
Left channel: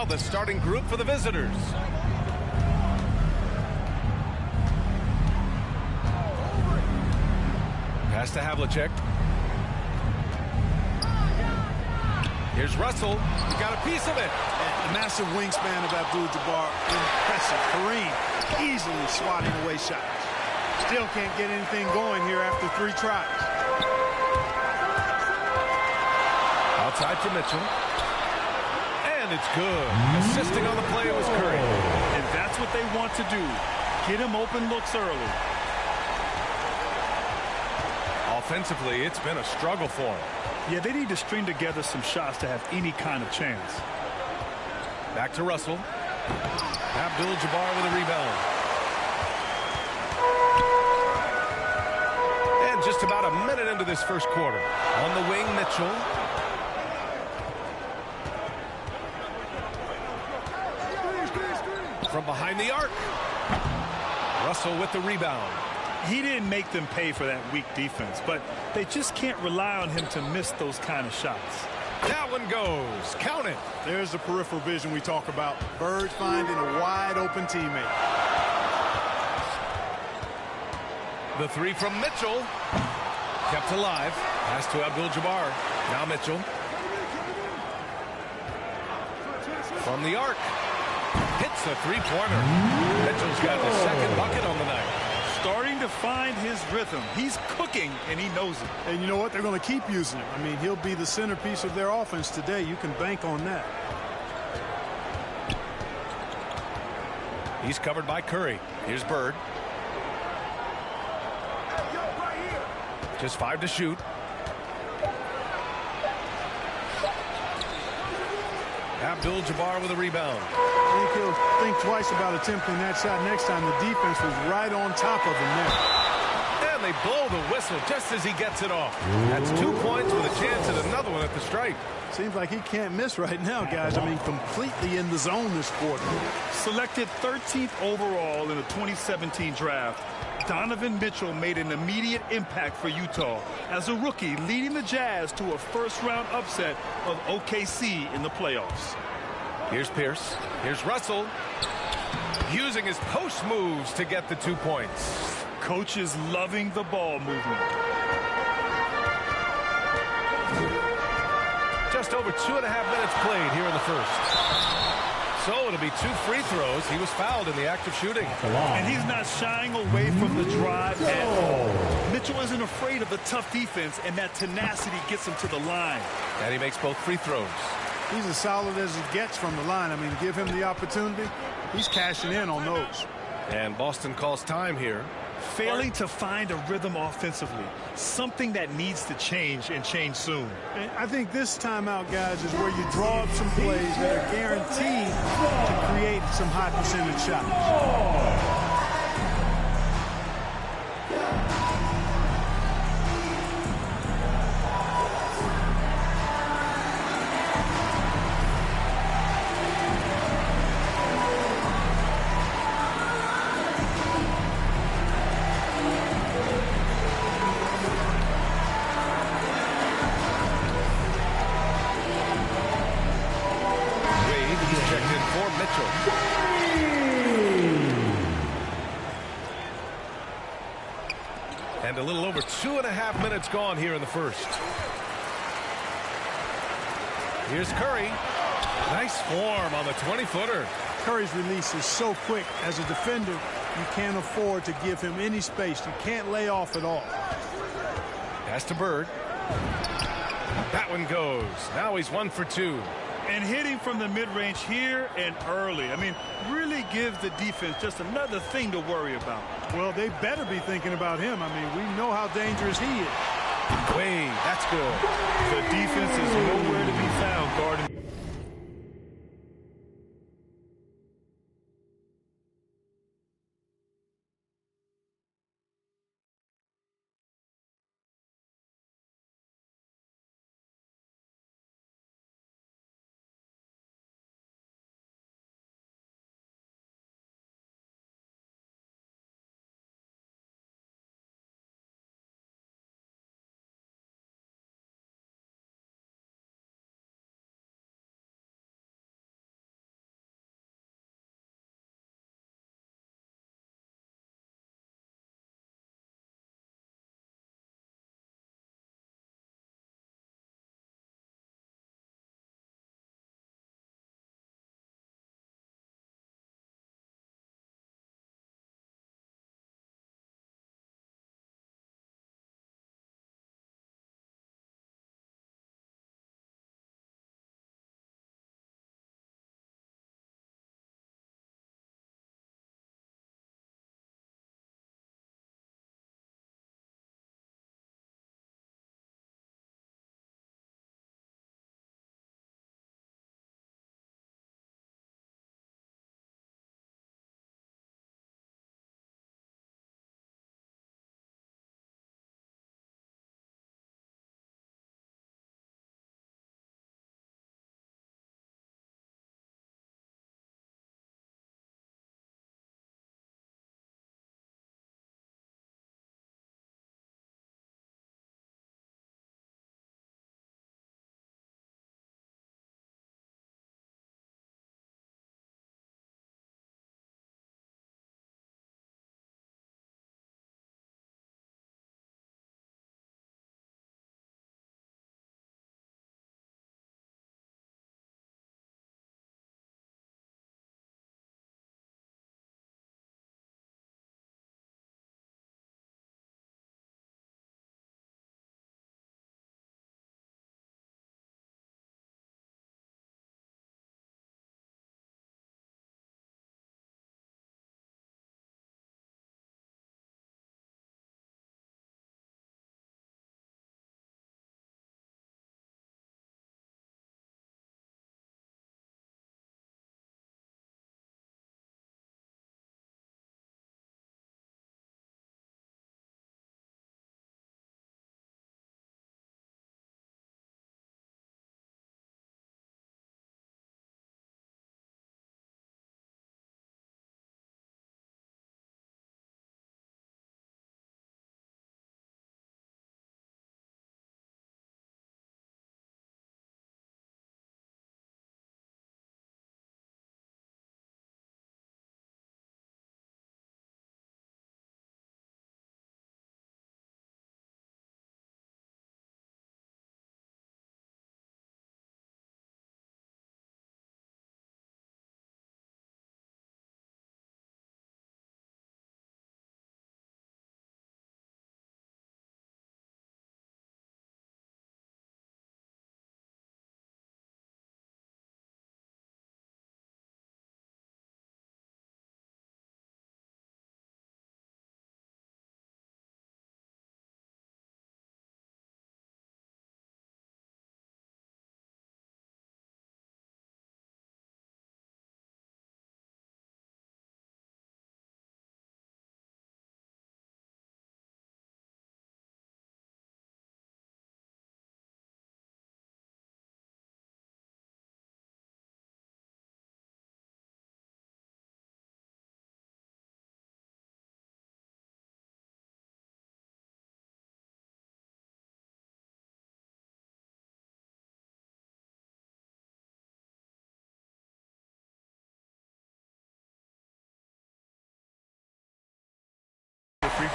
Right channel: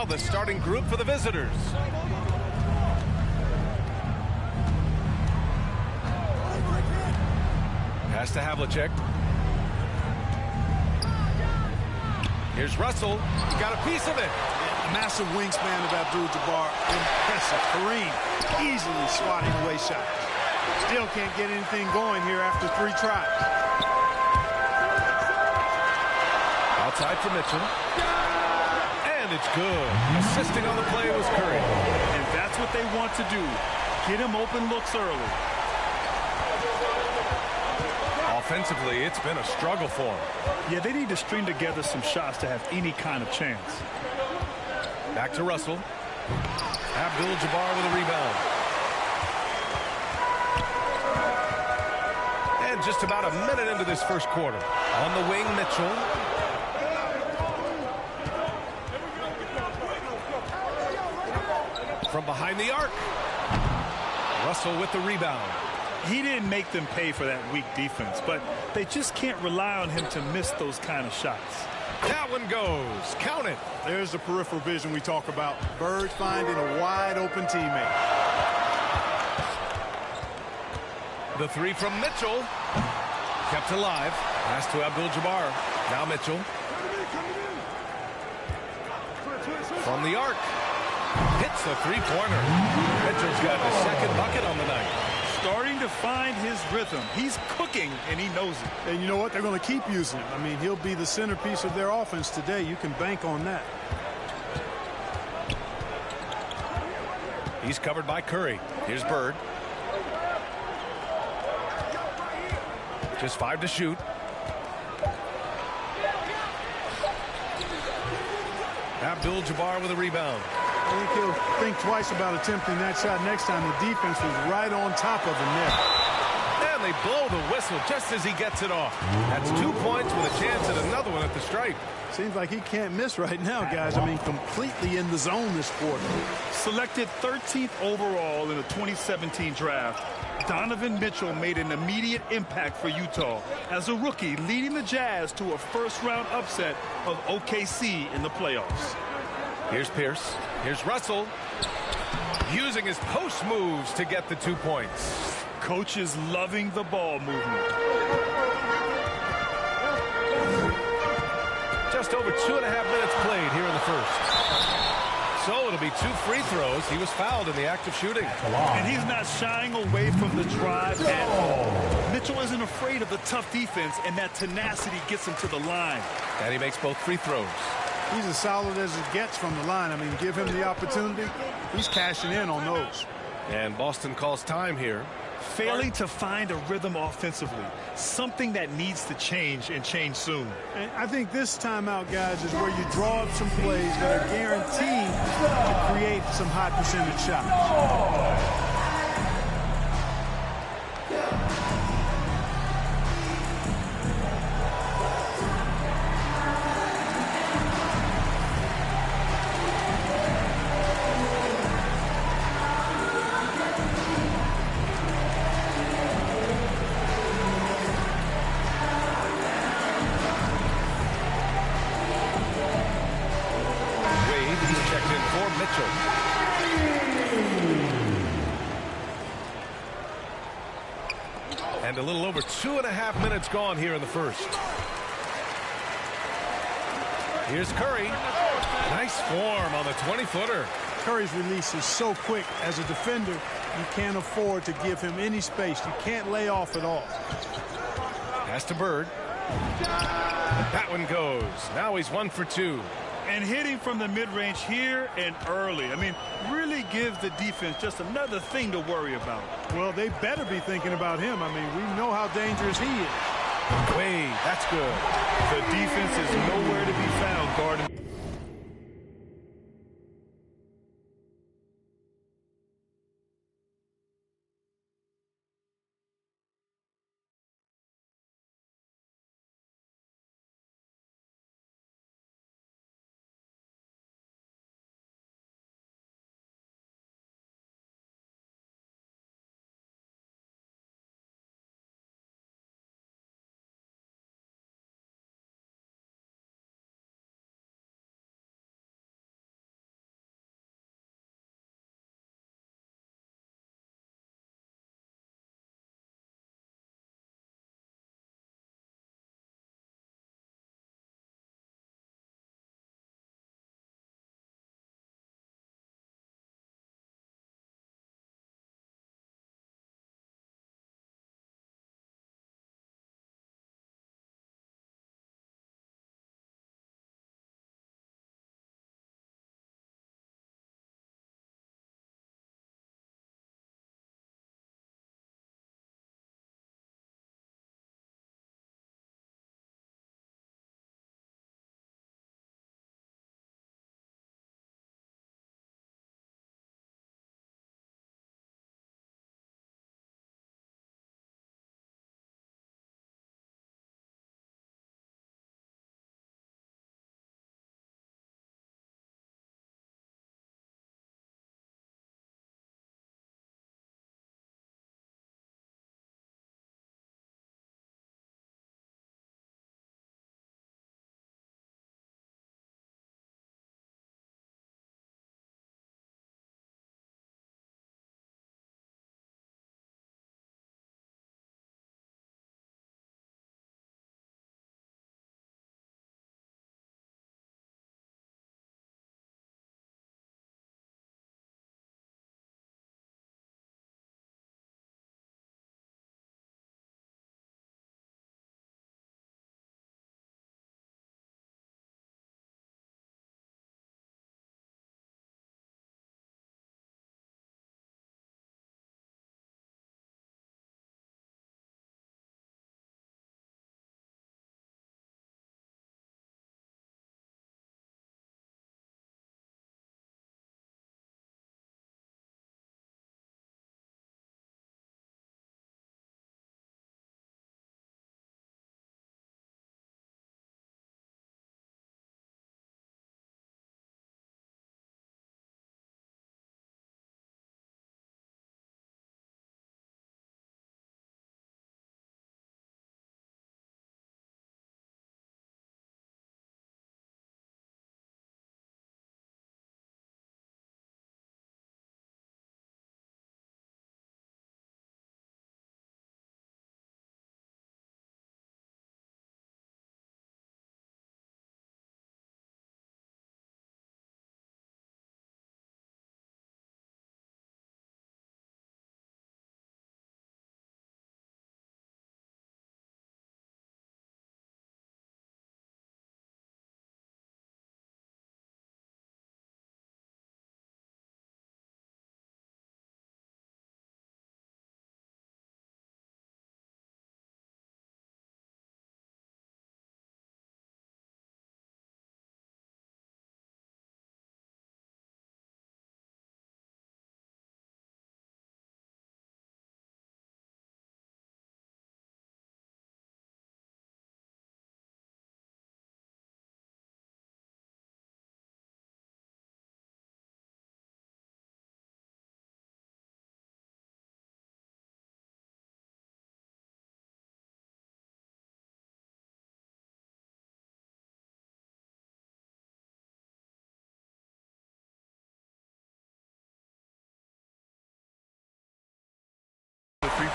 now the starting group for the visitors. Pass to Havlicek. Here's Russell. He got a piece of it. And the massive wingspan of Abdul-Jabbar, impressive. Kareem easily swatting away shots. Still can't get anything going here after 3 tries. Outside for Mitchell. And it's good. Assisting on the play was Curry. And that's what they want to do. Get him open looks early. Offensively, it's been a struggle for him. Yeah, they need to string together some shots to have any kind of chance. Back to Russell. Abdul-Jabbar with a rebound. And just about a minute into this first quarter. On the wing, Mitchell. From behind the arc. Russell with the rebound. He didn't make them pay for that weak defense, but they just can't rely on him to miss those kind of shots. That one goes. Count it. There's the peripheral vision we talk about. Bird finding a wide open teammate. The 3 from Mitchell. Kept alive. Pass to Abdul-Jabbar. Now Mitchell. From the arc. Hits a 3-pointer. Mitchell's got his second bucket on the night. Starting to find his rhythm. He's cooking, and he knows it. And you know what? They're going to keep using him. I mean, he'll be the centerpiece of their offense today. You can bank on that. He's covered by Curry. Here's Bird. Just 5 to shoot. Abdul-Jabbar with a rebound. I think he'll think twice about attempting that shot next time. The defense was right on top of him there. And they blow the whistle just as he gets it off. That's 2 points with a chance at another one at the stripe. Seems like he can't miss right now, guys. I mean, completely in the zone this quarter. Selected 13th overall in the 2017 draft, Donovan Mitchell made an immediate impact for Utah as a rookie, leading the Jazz to a first-round upset of OKC in the playoffs. Here's Pierce. Here's Russell. Using his post moves to get the 2 points. Coach is loving the ball movement. Just over 2.5 minutes played here in the first. So it'll be 2 free throws. He was fouled in the act of shooting. And he's not shying away from the drive at all. Mitchell isn't afraid of the tough defense, and that tenacity gets him to the line. And he makes both free throws. He's as solid as it gets from the line. I mean, give him the opportunity. He's cashing in on those. And Boston calls time here. Failing to find a rhythm offensively, something that needs to change and change soon. And I think this timeout, guys, is where you draw up some plays that are guaranteed to create some high percentage shots. Mitchell. And a little over 2.5 minutes gone here in the first. Here's Curry. Nice form on the 20-footer. Curry's release is so quick. As a defender, you can't afford to give him any space. You can't lay off at all. Pass to Bird. That one goes. Now he's 1 for 2. And hitting from the mid-range here and early. I mean, really gives the defense just another thing to worry about. Well, they better be thinking about him. I mean, we know how dangerous he is. Wade, that's good. The defense is nowhere to be found guarding.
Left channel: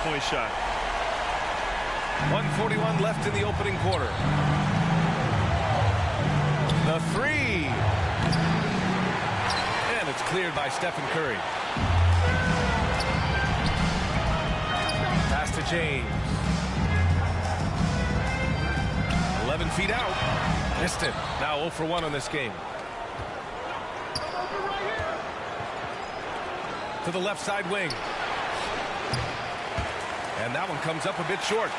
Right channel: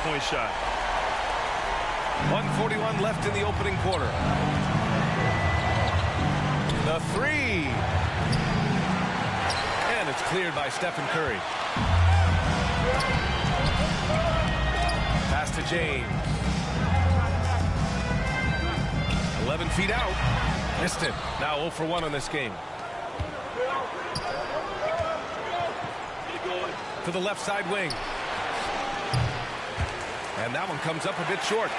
three-point shot. 1:41 left in the opening quarter. The three. And it's cleared by Stephen Curry. Pass to James. 11 feet out. Missed it. Now 0 for 1 on this game. To the left side wing. And that one comes up a bit short.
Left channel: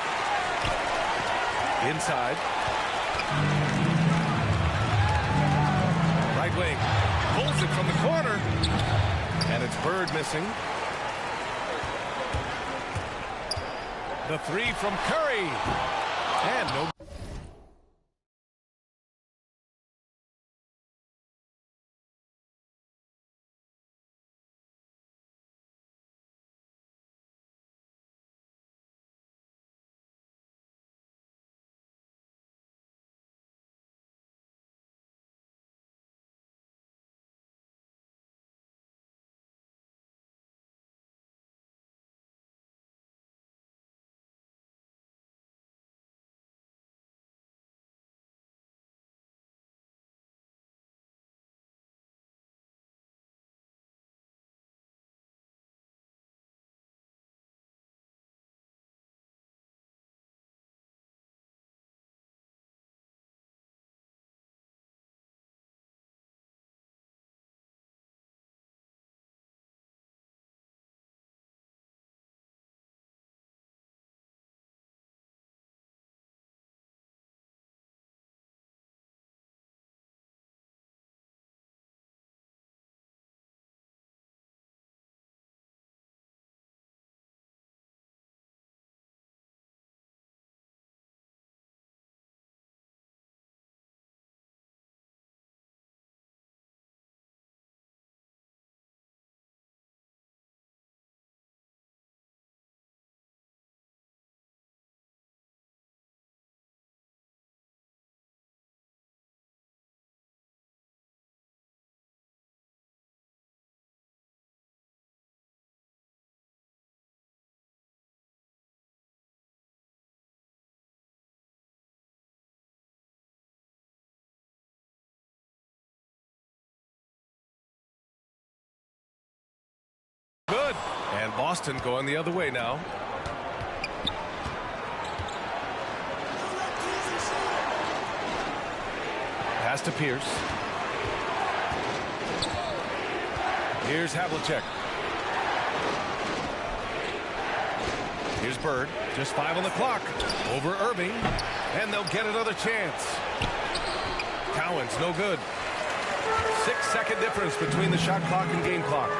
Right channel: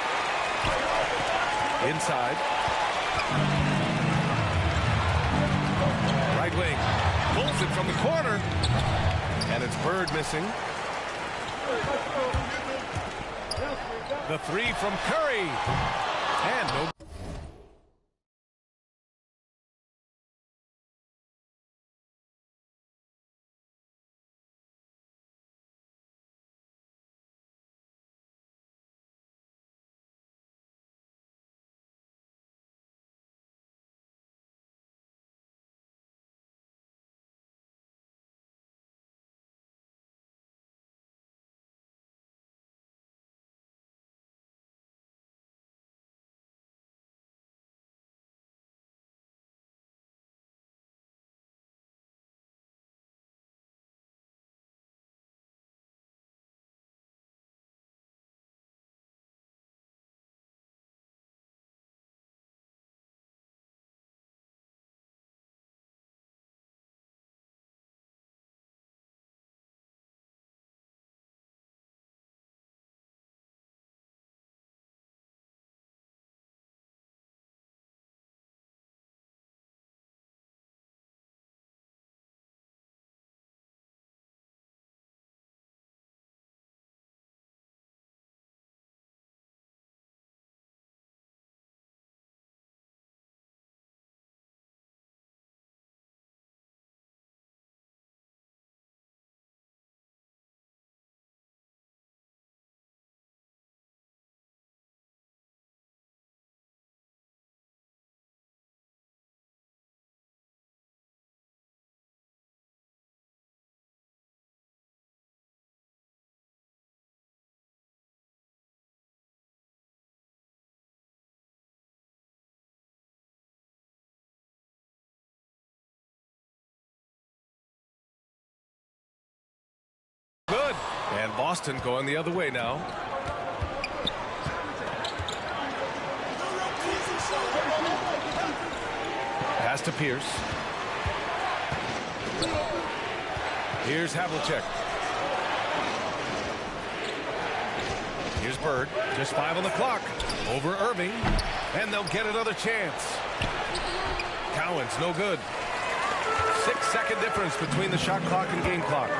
Inside. Right wing. Pulls it from the corner. And it's Bird missing. The three from Curry. And no. Good. And Boston going the other way now. Pass to Pierce. Here's Havlicek. Here's Bird. Just 5 on the clock. Over Irving. And they'll get another chance. Cowan's no good. 6-second difference between the shot clock and game clock.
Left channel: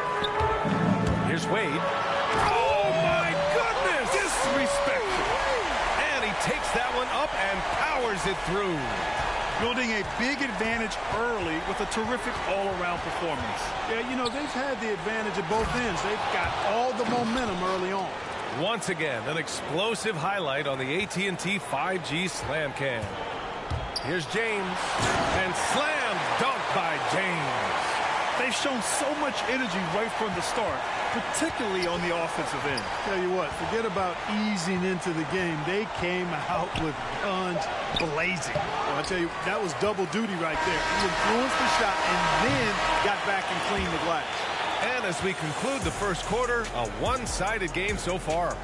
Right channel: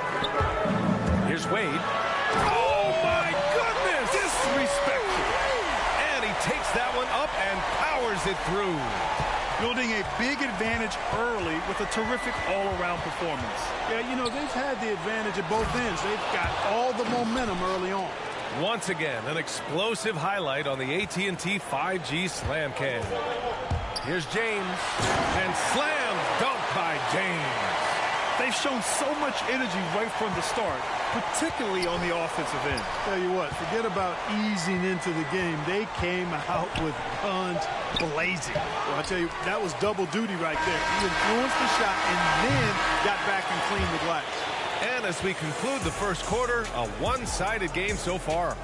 Here's Wade. Oh, my goodness! Disrespectful. And he takes that one up and powers it through. Building a big advantage early with a terrific all-around performance. Yeah, you know, they've had the advantage at both ends. They've got all the momentum early on. Once again, an explosive highlight on the AT&T 5G Slam Cam. Here's James. And slam dunk by James. They've shown so much energy right from the start, particularly on the offensive end. Tell you what, forget about easing into the game. They came out with guns blazing. Well, I tell you, that was double duty right there. He influenced the shot and then got back and cleaned the glass. And as we conclude the first quarter, a one-sided game so far.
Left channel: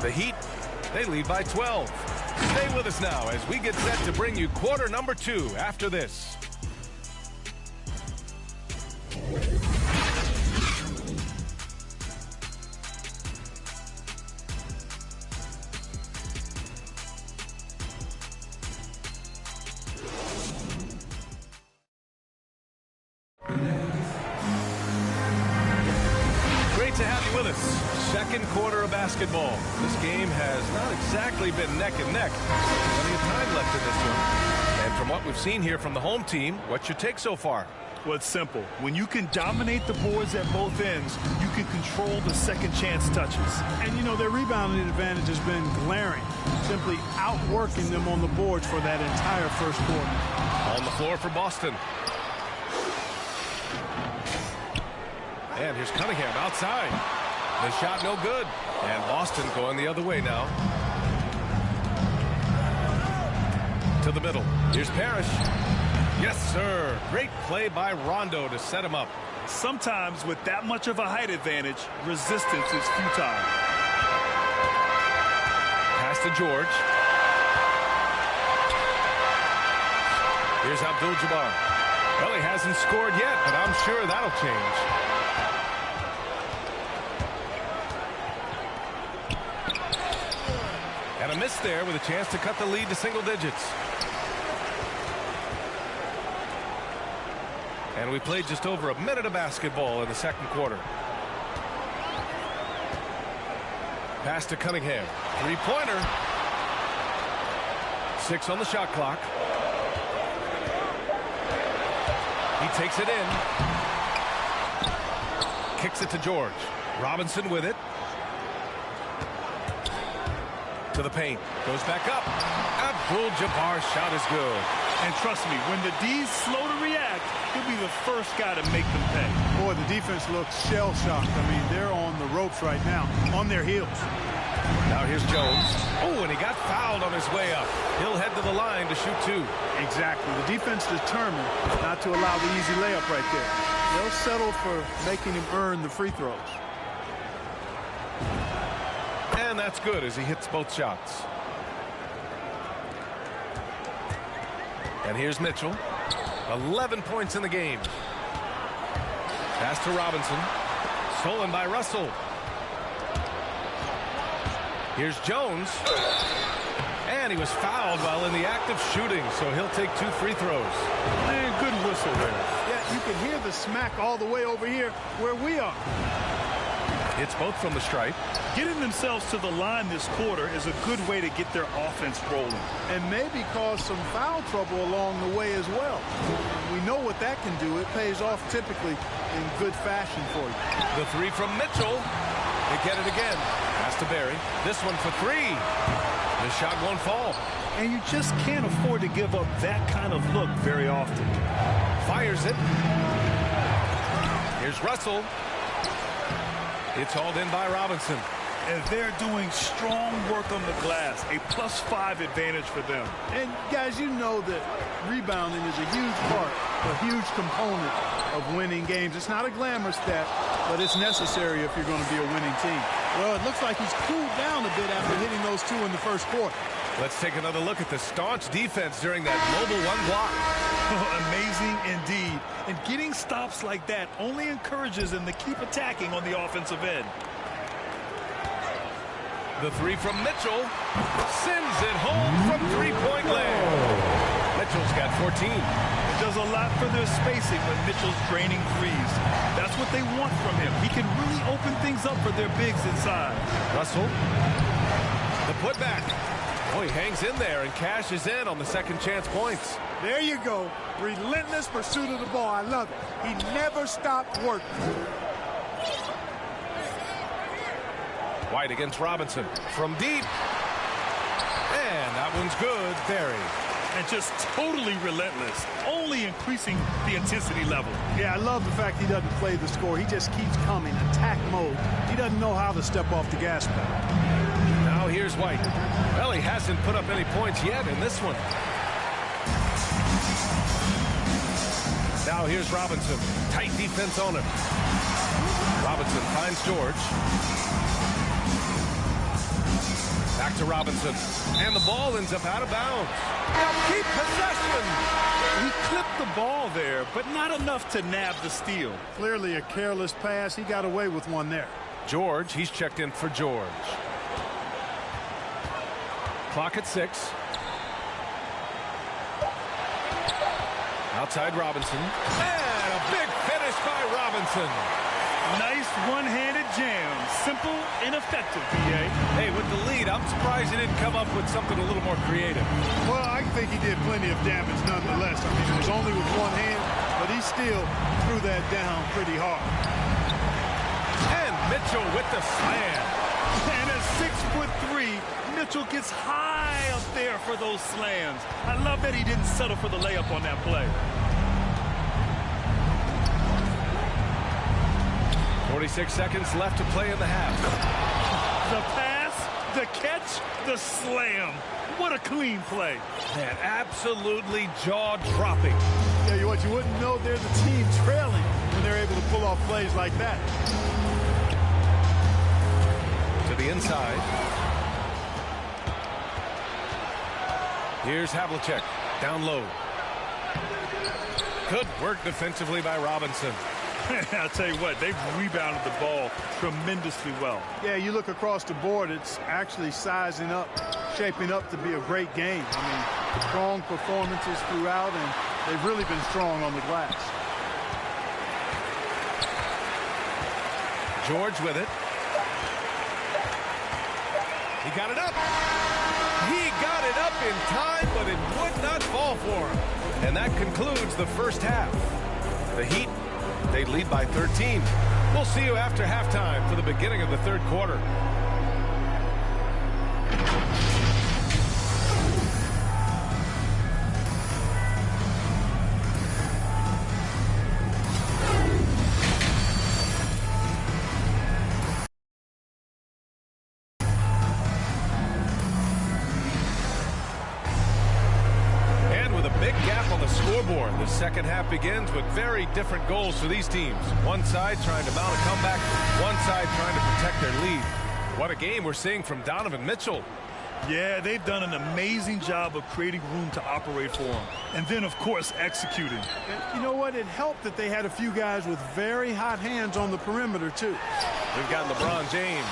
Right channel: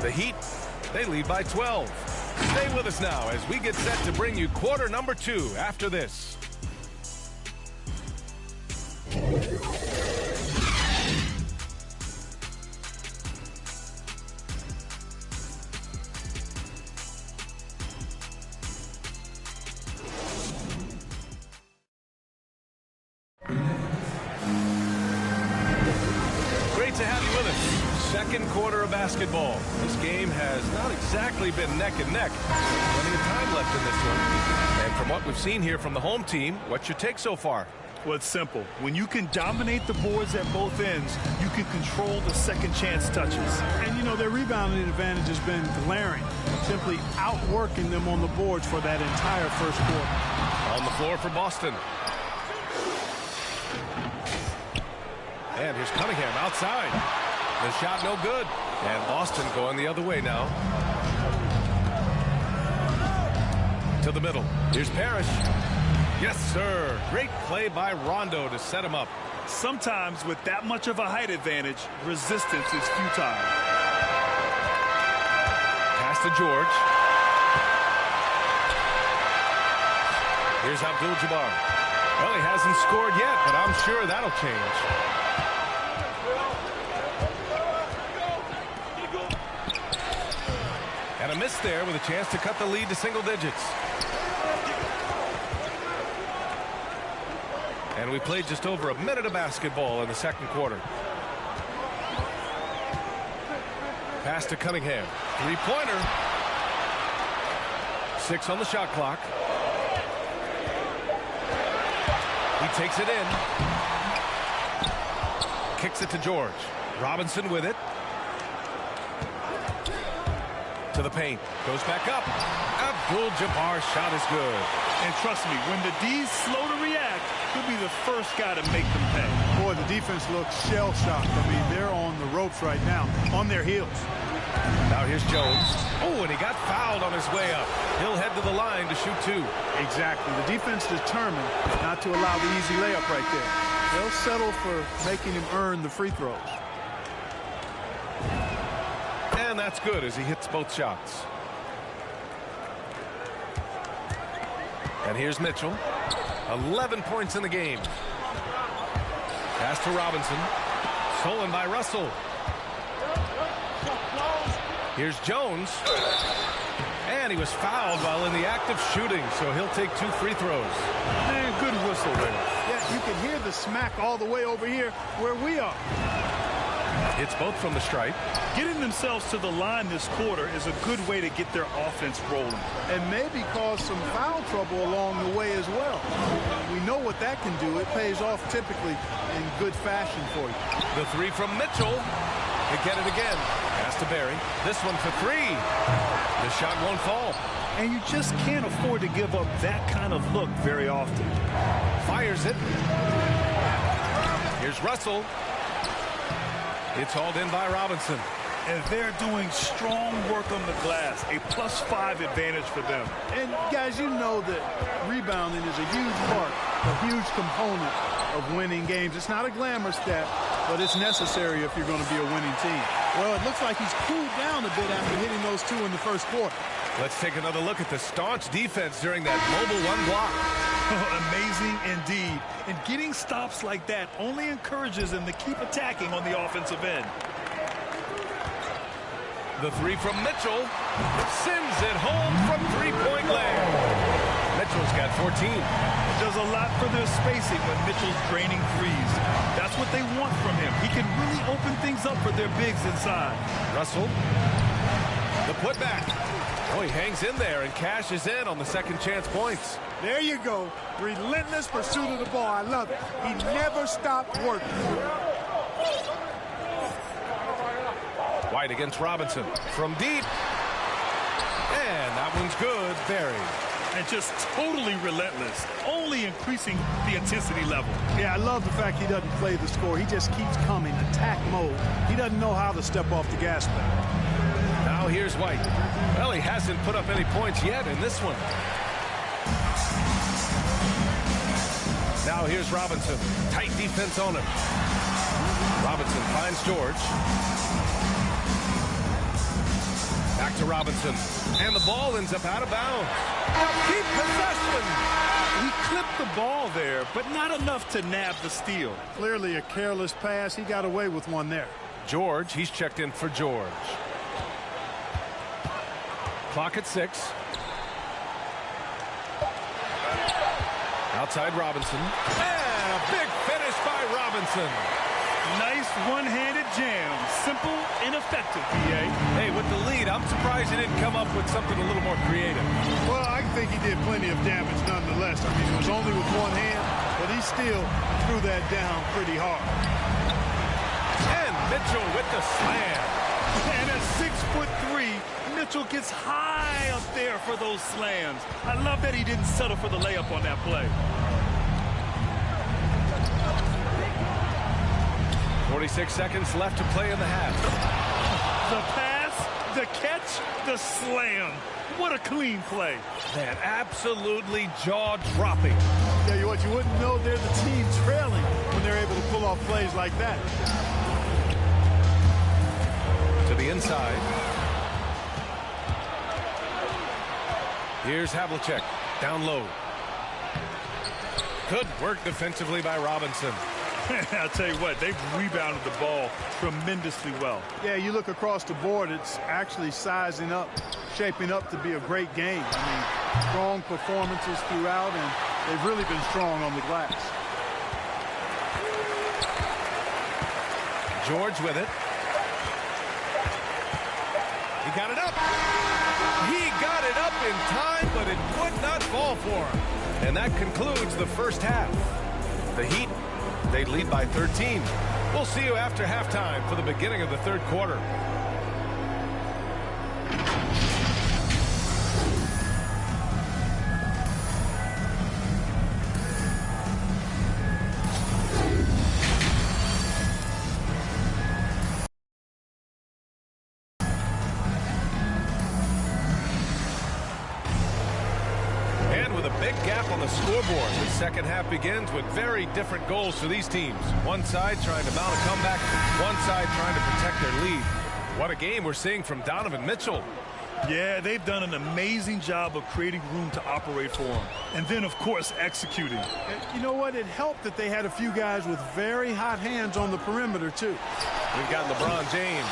The Heat, they lead by 12. Stay with us now as we get set to bring you quarter number 2 after this. Great to have you with us. Second quarter of basketball. This game has not exactly been neck and neck. Plenty of time left in this one. And from what we've seen here from the home team, what's your take so far? Well, it's simple. When you can dominate the boards at both ends, you can control the second chance touches. And, you know, their rebounding advantage has been glaring, simply outworking them on the boards for that entire first quarter. On the floor for Boston. And here's Cunningham outside. The shot no good. And Boston going the other way now. To the middle. Here's Parrish. Yes, sir. Great play by Rondo to set him up. Sometimes with that much of a height advantage, resistance is futile. Pass to George. Here's Abdul-Jabbar. Well, he hasn't scored yet, but I'm sure that'll change. And a miss there with a chance to cut the lead to single digits. And we played just over a minute of basketball in the second quarter. Pass to Cunningham. Three-pointer. 6 on the shot clock. He takes it in. Kicks it to George. Robinson with it. To the paint. Goes back up. Abdul-Jabbar's shot is good. And trust me, when the D's slow to react, he'll be the first guy to make them pay. Boy, the defense looks shell-shocked. I mean, they're on the ropes right now, on their heels. Now here's Jones. Oh, and he got fouled on his way up. He'll head to the line to shoot 2. Exactly. The defense determined not to allow the easy layup right there. They'll settle for making him earn the free throws. And that's good as he hits both shots. And here's Mitchell. 11 points in the game. Pass to Robinson. Stolen by Russell. Here's Jones. And he was fouled while in the act of shooting, so he'll take 2 free throws. Man, good whistle there. Yeah, you can hear the smack all the way over here where we are. Hits both from the stripe. Getting themselves to the line this quarter is a good way to get their offense rolling. And maybe cause some foul trouble along the way as well. We know what that can do. It pays off typically in good fashion for you. The 3 from Mitchell. They get it again. Pass to Barry. This one for 3. The shot won't fall. And you just can't afford to give up that kind of look very often. Fires it. Here's Russell. It's hauled in by Robinson. And they're doing strong work on the glass. A +5 advantage for them. And guys, you know that rebounding is a huge part, a huge component of winning games. It's not a glamour stat, but it's necessary if you're going to be a winning team. Well, it looks like he's cooled down a bit after hitting those 2 in the first quarter. Let's take another look at the staunch defense during that mobile 1 block. Amazing indeed. And getting stops like that only encourages them to keep attacking on the offensive end. The 3 from Mitchell. Sends it home from 3-point land. Mitchell's got 14. It does a lot for their spacing when Mitchell's draining threes. That's what they want from him. He can really open things up for their bigs inside. Russell. The putback. Oh, he hangs in there and cashes in on the second chance points. There you go. Relentless pursuit of the ball. I love it. He never stopped working. White against Robinson. From deep. And that one's good. Barry. And just totally relentless, only increasing the intensity level. Yeah, I love the fact he doesn't play the score. He just keeps coming, attack mode. He doesn't know how to step off the gas pedal. Now here's White. Well, he hasn't put up any points yet in this one. Now here's Robinson. Tight defense on him. Robinson finds George. Back to Robinson. And the ball ends up out of bounds. They'll keep possession. He clipped the ball there, but not enough to nab the steal. Clearly a careless pass. He got away with one there. George, he's checked in for George. Clock at 6. Outside Robinson. And a big finish by Robinson. Nice one-handed jam. Simple and effective, B.A. Hey, with the lead, I'm surprised he didn't come up with something a little more creative. Well, I think he did plenty of damage nonetheless. I mean, it was only with one hand, but he still threw that down pretty hard. And Mitchell with the slam. And at 6'3", Mitchell gets high up there for those slams. I love that he didn't settle for the layup on that play. 46 seconds left to play in the half. The pass, the catch, the slam. What a clean play. Man, absolutely jaw-dropping. Yeah, you wouldn't know they're the team trailing when they're able to pull off plays like that. To the inside. Here's Havlicek, down low. Good work defensively by Robinson. I'll tell you what, they've rebounded the ball tremendously well. Yeah, you look across the board, it's actually sizing up, shaping up to be a great game. I mean, strong performances throughout, and they've really been strong on the glass. George with it. He got it up. He got it up in time, but it would not fall for him. And that concludes the first half. The Heat, they lead by 13. We'll see you after halftime for the beginning of the third quarter. Scoreboard. The second half begins with very different goals for these teams. One side trying to mount a comeback, one side trying to protect their lead. What a game we're seeing from Donovan Mitchell. Yeah, they've done an amazing job of creating room to operate for him. And then, of course, executing. And you know what? It helped that they had a few guys with very hot hands on the perimeter, too. We've got LeBron James.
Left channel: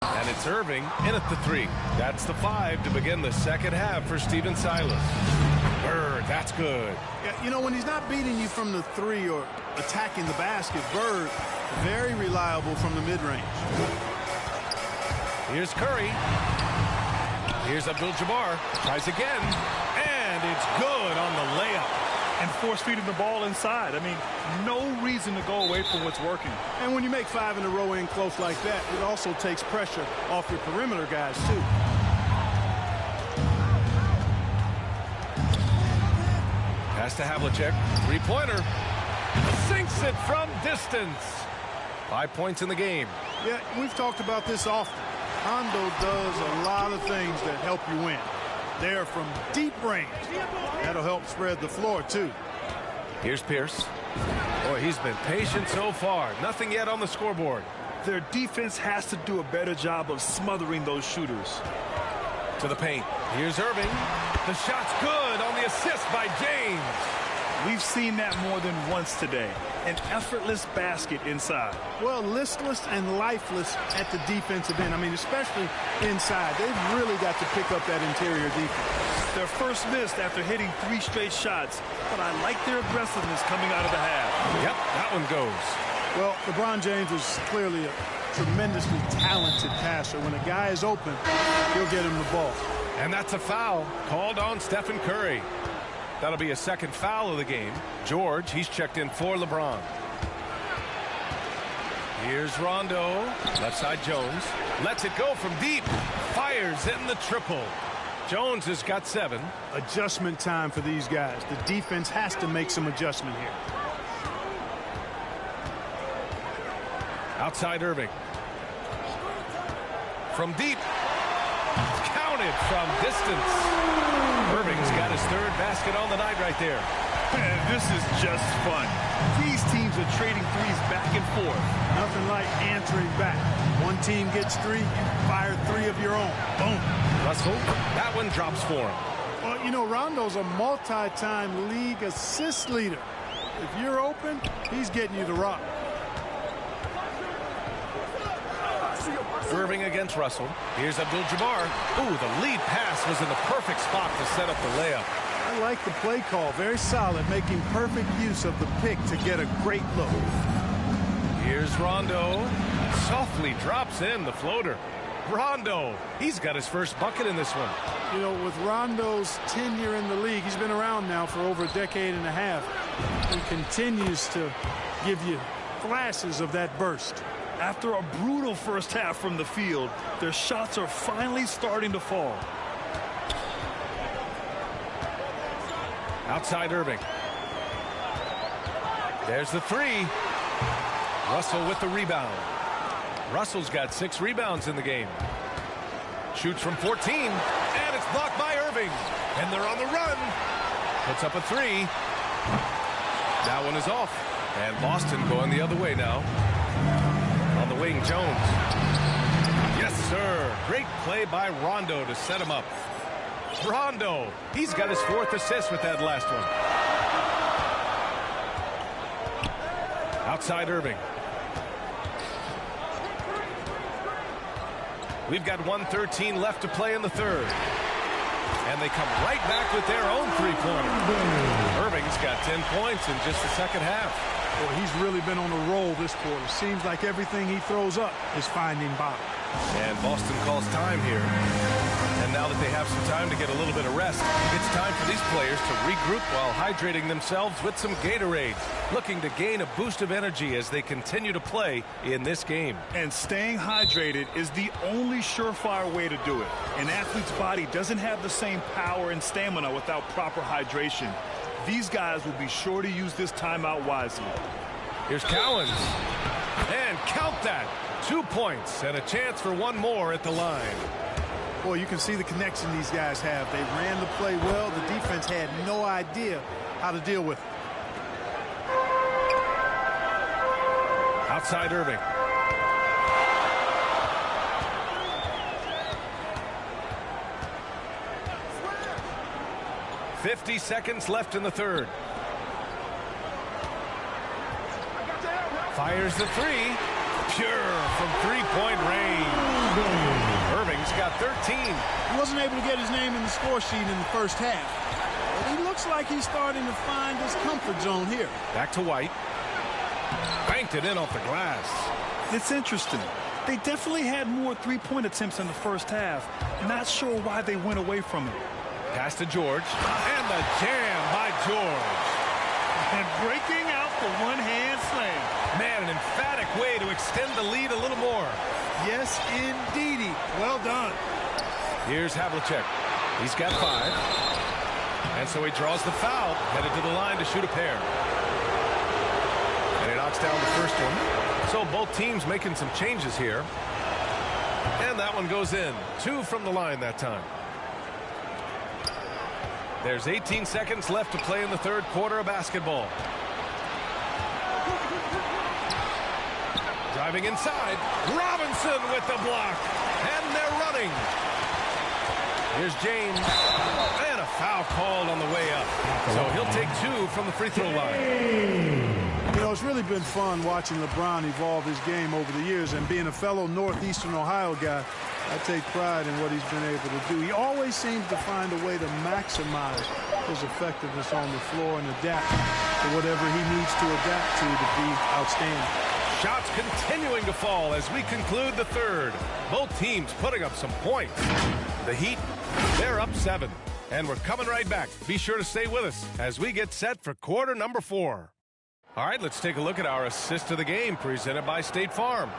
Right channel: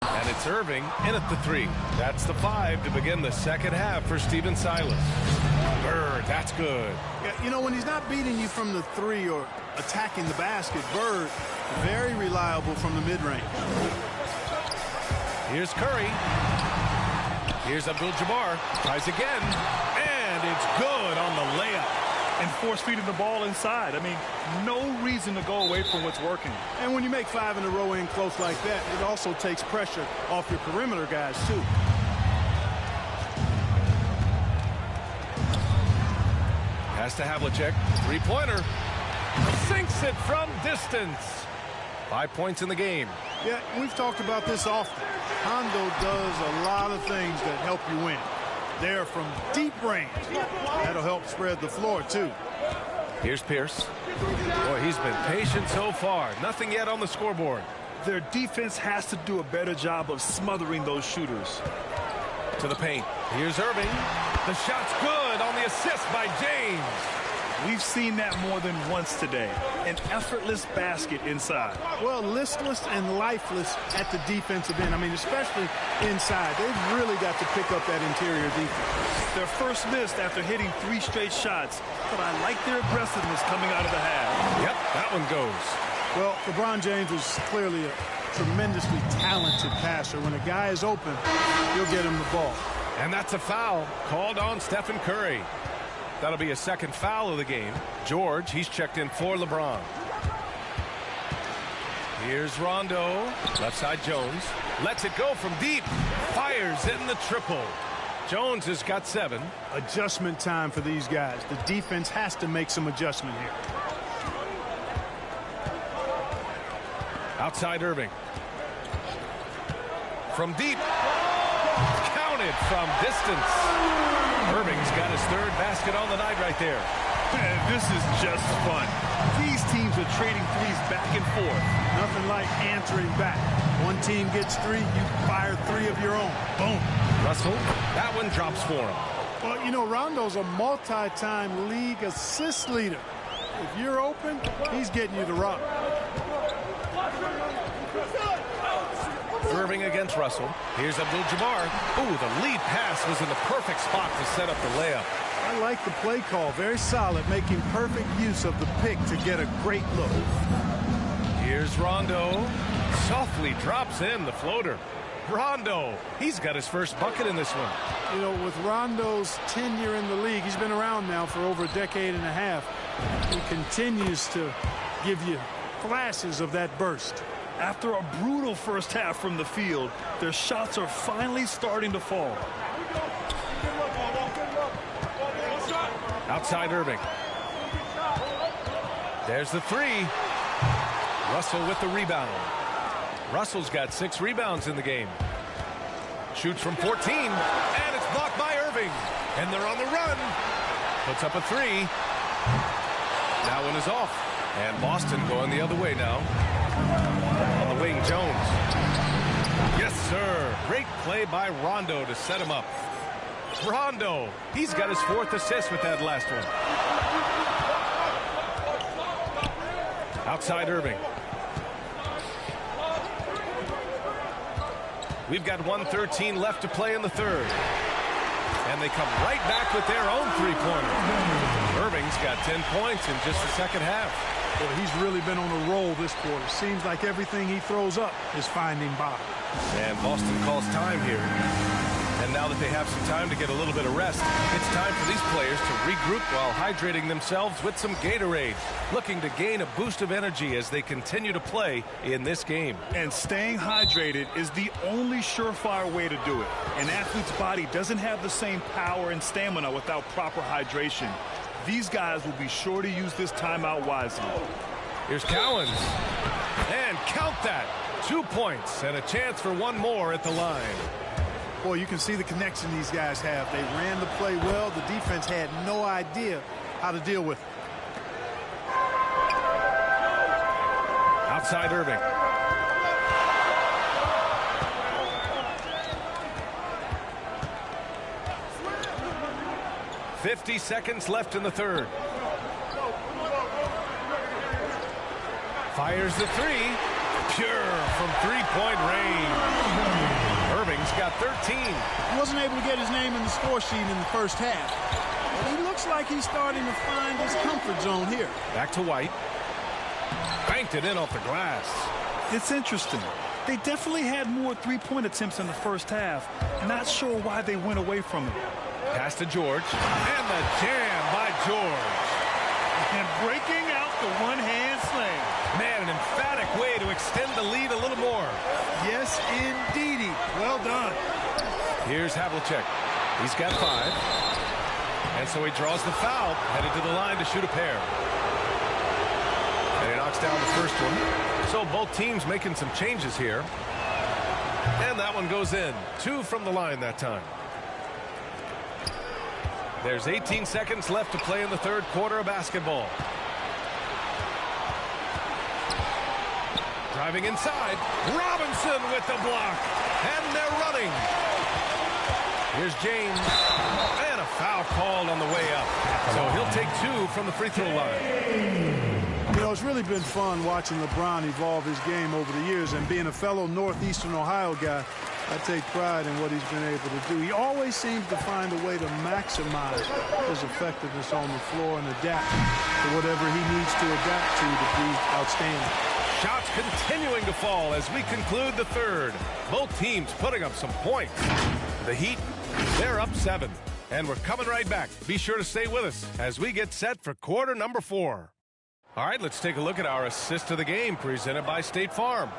And it's Irving in at the 3. That's the 5 to begin the second half for Stephen Silas. Bird, that's good. Yeah, you know, when he's not beating you from the 3 or attacking the basket, Bird, very reliable from the mid-range. Here's Curry. Here's Abdul-Jabbar. Tries again. And it's good on the layup. And force feeding the ball inside. I mean, no reason to go away from what's working. And when you make 5 in a row in close like that, it also takes pressure off your perimeter guys, too. Pass to Havlicek. Three-pointer. Sinks it from distance. 5 points in the game. Yeah, we've talked about this often. Hondo does a lot of things that help you win. There from deep range. That'll help spread the floor, too. Here's Pierce. Boy, he's been patient so far. Nothing yet on the scoreboard. Their defense has to do a better job of smothering those shooters. To the paint. Here's Irving. The shot's good on the assist by James. We've seen that more than once today. An effortless basket inside. Well, listless and lifeless at the defensive end. I mean, especially inside. They've really got to pick up that interior defense. Their first missed after hitting 3 straight shots, but I like their aggressiveness coming out of the half. Yep, that one goes. Well, LeBron James is clearly a tremendously talented passer. When a guy is open, he'll get him the ball. And that's a foul called on Stephen Curry. That'll be a second foul of the game. George, he's checked in for LeBron. Here's Rondo. Left side Jones. Lets it go from deep. Fires in the triple. Jones has got 7. Adjustment time for these guys. The defense has to make some adjustment here. Outside Irving. From deep. Counted from distance. Irving's got his third basket on the night right there. Man, this is just fun. These teams are trading threes back and forth. Nothing like answering back. One team gets three, you fire three of your own. Boom. Russell, that one drops for him. Well, you know, Rondo's a multi-time league assist leader. If you're open, he's getting you the rock. Irving against Russell. Here's Abdul-Jabbar. Ooh, the lead pass was in the perfect spot to set up the layup. I like the play call. Very solid, making perfect use of the pick to get a great look. Here's Rondo. Softly drops in the floater. Rondo, he's got his first bucket in this one. You know, with Rondo's tenure in the league, he's been around now for over a decade and a half. He continues to give you flashes of that burst. After a brutal first half from the field, their shots are finally starting to fall. Outside Irving. There's the three. Russell with the rebound. Russell's got 6 rebounds in the game. Shoots from 14, and it's blocked by Irving. And they're on the run. Puts up a 3. That one is off. And Boston going the other way now. On the wing, Jones. Yes, sir. Great play by Rondo to set him up. Rondo, he's got his 4th assist with that last one. Outside Irving. We've got 1:13 left to play in the third. And they come right back with their own three-pointer. Irving's got 10 points in just the second half. Boy, he's really been on a roll this quarter. Seems like everything he throws up is finding bottom. And Boston calls time here. And now that they have some time to get a little bit of rest, it's time for these players to regroup while hydrating themselves with some Gatorade, looking to gain a boost of energy as they continue to play in this game. And staying hydrated is the only surefire way to do it. An athlete's body doesn't have the same power and stamina without proper hydration. These guys will be sure to use this timeout wisely. Here's Cowens. And count that. 2 points and a chance for one more at the line. Boy, you can see the connection these guys have. They ran the play well. The defense had no idea how to deal with it. Outside Irving. .50 seconds left in the third. Fires the 3. Pure from three-point range. Irving's got 13. He wasn't able to get his name in the score sheet in the first half. But he looks like he's starting to find his comfort zone here. Back to White. Banked it in off the glass. It's interesting. They definitely had more three-point attempts in the first half. Not sure why they went away from it. Pass to George. And the jam by George. And breaking out the one-hand slam. Man, an emphatic way to extend the lead a little more. Yes, indeedy. Well done. Here's Havlicek. He's got 5. And so he draws the foul, headed to the line to shoot a pair. And he knocks down the first one. So both teams making some changes here. And that one goes in. 2 from the line that time. There's 18 seconds left to play in the third quarter of basketball. Driving inside. Robinson with the block. And they're running. Here's James. And a foul called on the way up. So he'll take 2 from the free throw line. You know, it's really been fun watching LeBron evolve his game over the years. And being a fellow Northeastern Ohio guy, I take pride in what he's been able to do. He always seems to find a way to maximize his effectiveness on the floor and adapt to whatever he needs to adapt to be outstanding. Shots continuing to fall as we conclude the third. Both teams putting up some points. The Heat, they're up 7. And we're coming right back. Be sure to stay with us as we get set for quarter number 4. All right, let's take a look at our assist of the game presented by State Farm.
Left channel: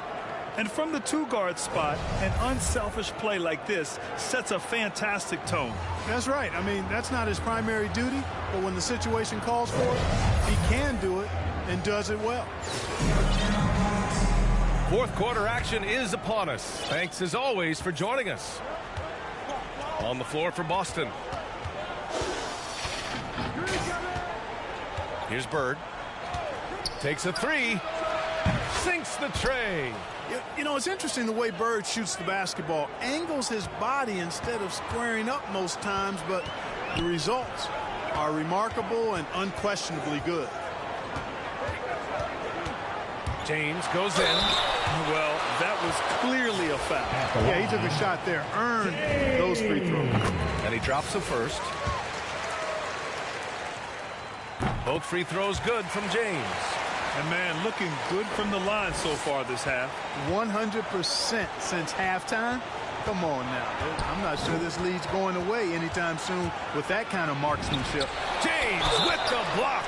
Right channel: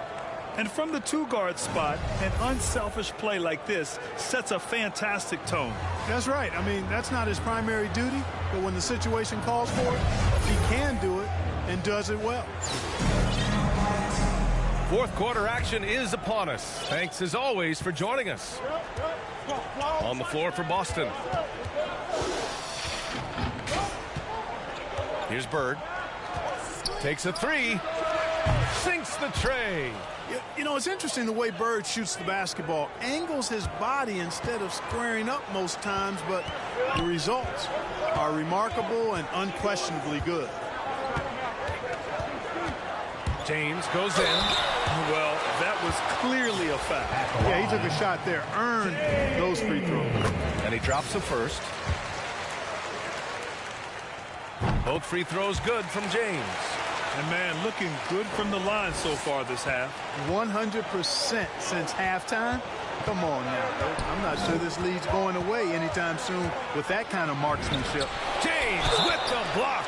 And from the 2-guard spot, an unselfish play like this sets a fantastic tone. That's right. I mean, that's not his primary duty, but when the situation calls for it, he can do it and does it well. Fourth quarter action is upon us. Thanks as always for joining us. On the floor for Boston. Here's Bird. Takes a three. Sinks the tray. You know, it's interesting the way Bird shoots the basketball. Angles his body instead of squaring up most times, but the results are remarkable and unquestionably good. James goes in. Well, that was clearly a foul. Yeah, he took a shot there, earned those free throws. And he drops the first. Both free throws good from James. And, man, looking good from the line so far this half. 100% since halftime. Come on now. I'm not sure this lead's going away anytime soon with that kind of marksmanship. James with the block.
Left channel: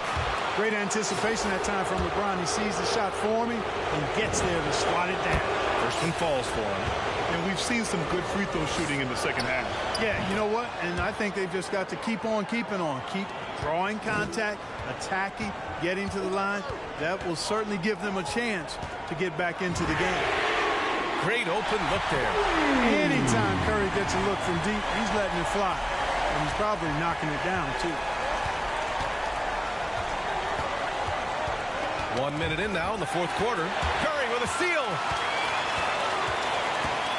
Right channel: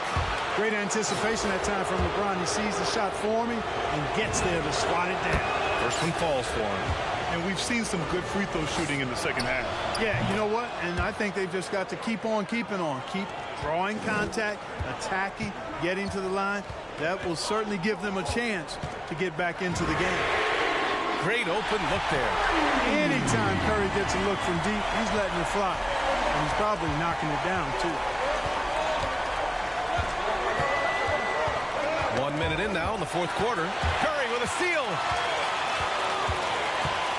Great anticipation that time from LeBron. He sees the shot forming and gets there to swat it down. First one falls for him. And we've seen some good free throw shooting in the second half. Yeah, you know what? And I think they've just got to keep on keeping on. Keep drawing contact, attacking, getting to the line. That will certainly give them a chance to get back into the game. Great open look there. Anytime Curry gets a look from deep, he's letting it fly. And he's probably knocking it down, too. 1 minute in now in the fourth quarter. Curry with a steal.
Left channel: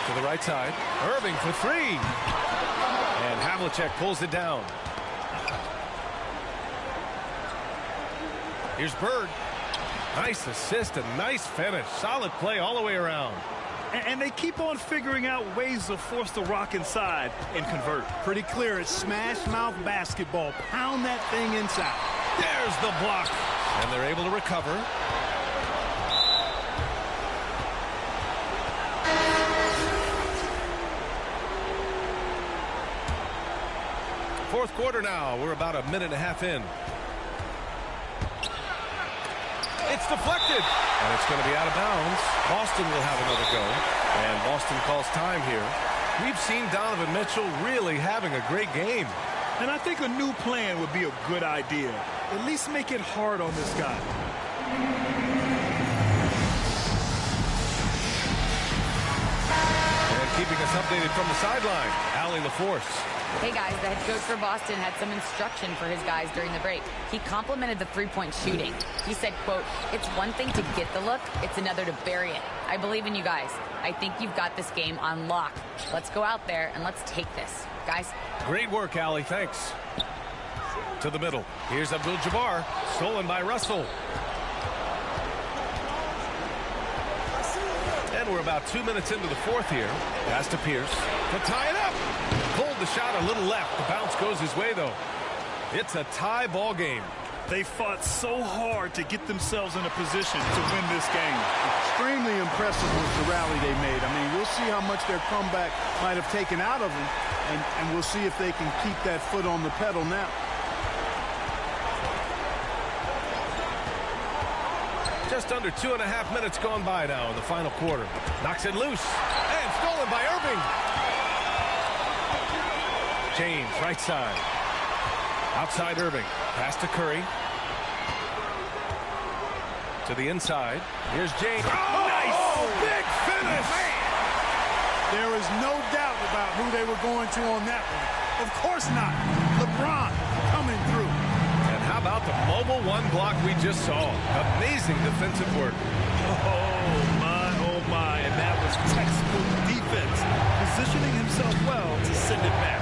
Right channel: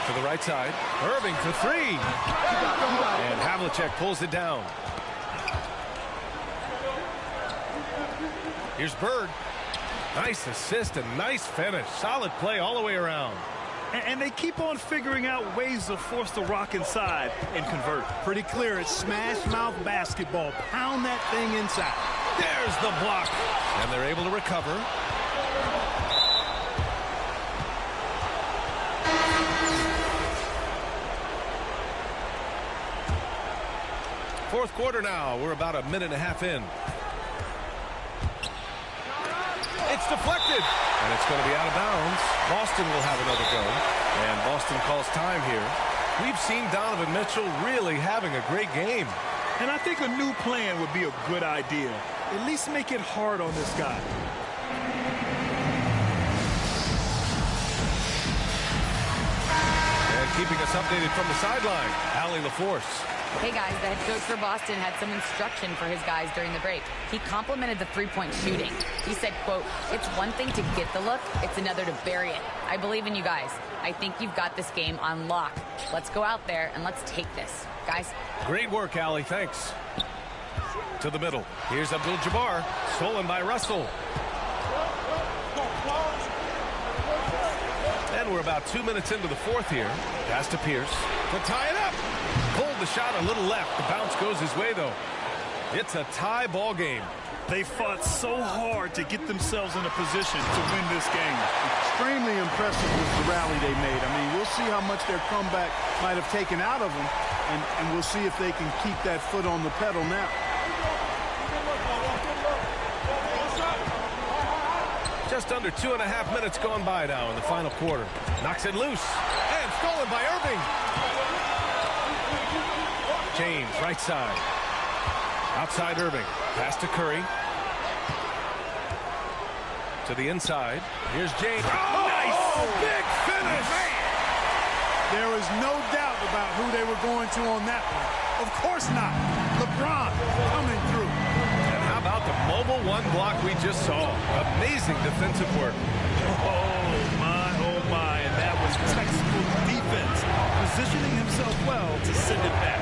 To the right side. Irving for three. And Havlicek pulls it down. Here's Bird. Nice assist and nice finish. Solid play all the way around. And they keep on figuring out ways to force the rock inside and convert. Pretty clear. It's smash mouth basketball. Pound that thing inside. There's the block. And they're able to recover. Fourth quarter now. We're about a minute and a half in. It's deflected. And it's going to be out of bounds. Boston will have another go. And Boston calls time here. We've seen Donovan Mitchell really having a great game. And I think a new plan would be a good idea. At least make it hard on this guy. And keeping us updated from the sideline, Allie LaForce. Hey guys, the head coach for Boston had some instruction for his guys during the break. He complimented the three-point shooting. He said, quote, "It's one thing to get the look, it's another to bury it. I believe in you guys. I think you've got this game on lock. Let's go out there and let's take this. Guys." Great work, Allie. Thanks. To the middle. Here's Abdul-Jabbar. Stolen by Russell. And we're about 2 minutes into the fourth here. Pass to Pierce to tie it up. Pulled the shot a little left. The bounce goes his way, though. It's a tie ball game. They fought so hard to get themselves in a position to win this game. Extremely impressive was the rally they made. I mean, we'll see how much their comeback might have taken out of them, and we'll see if they can keep that foot on the pedal now. Just under 2.5 minutes gone by now in the final quarter. Knocks it loose. And stolen by Irving. James, right side. Outside Irving. Pass to Curry. To the inside. Here's James. Oh, nice! Big finish! Man. There is no doubt about who they were going to on that one. Of course not. LeBron coming through. And how about the mobile one block we just saw? Amazing defensive work. Oh, my. And that was textbook defense. Positioning himself well to send it back.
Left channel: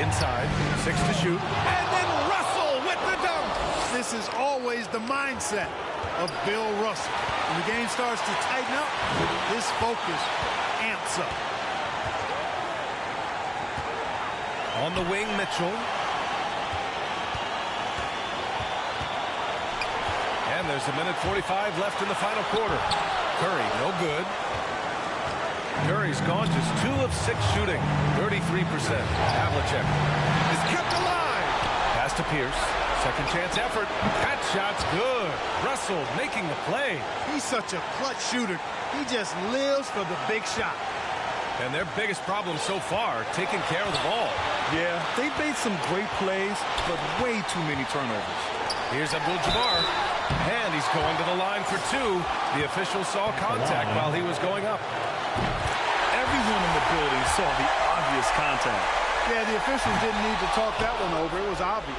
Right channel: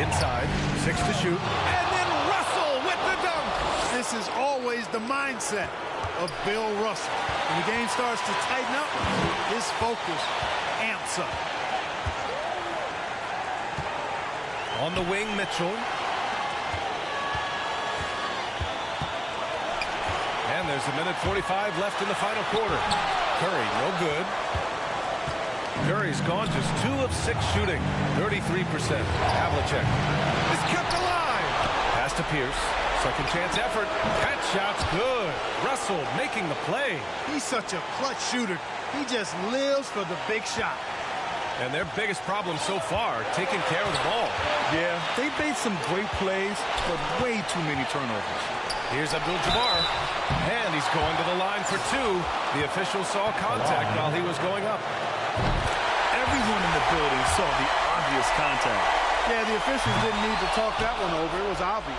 Inside. 6 to shoot. And then Russell with the dunk. This is always the mindset of Bill Russell. When the game starts to tighten up, his focus amps up. On the wing, Mitchell. And there's a minute 45 left in the final quarter. Curry, no good. Curry's gone just 2 of 6 shooting, 33%. Havlicek is kept alive. Pass to Pierce. Second chance effort. That shot's good. Russell making the play. He's such a clutch shooter. He just lives for the big shot. And their biggest problem so far, taking care of the ball. Yeah, they've made some great plays, but way too many turnovers. Here's Abdul-Jabbar, and he's going to the line for two. The official saw contact while he was going up. Everyone in the building saw the obvious contact. Yeah, the officials didn't need to talk that one over. It was obvious.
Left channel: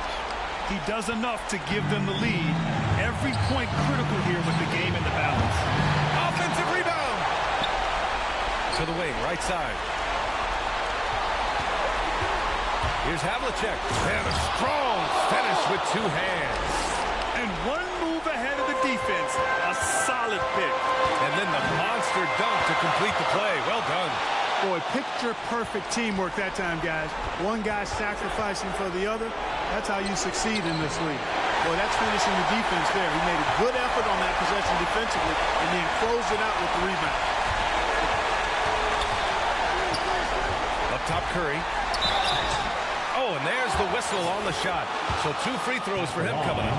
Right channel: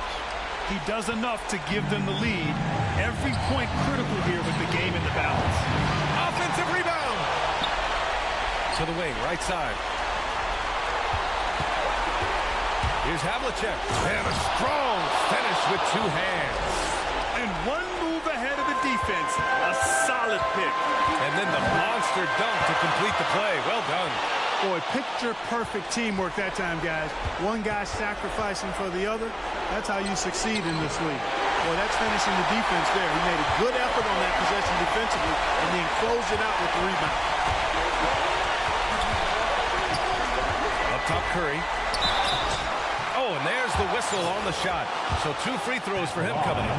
He does enough to give them the lead. Every point critical here with the game in the balance. Offensive rebound. To the wing, right side. Here's Havlicek. And a strong finish with two hands. And one move ahead of the defense. A solid pick. And then the monster dunk to complete the play. Well done. Boy, picture-perfect teamwork that time, guys. One guy sacrificing for the other. That's how you succeed in this league. Boy, that's finishing the defense there. He made a good effort on that possession defensively and then closed it out with the rebound. Up top, Curry. Oh, and there's the whistle on the shot. So 2 free throws for him coming up.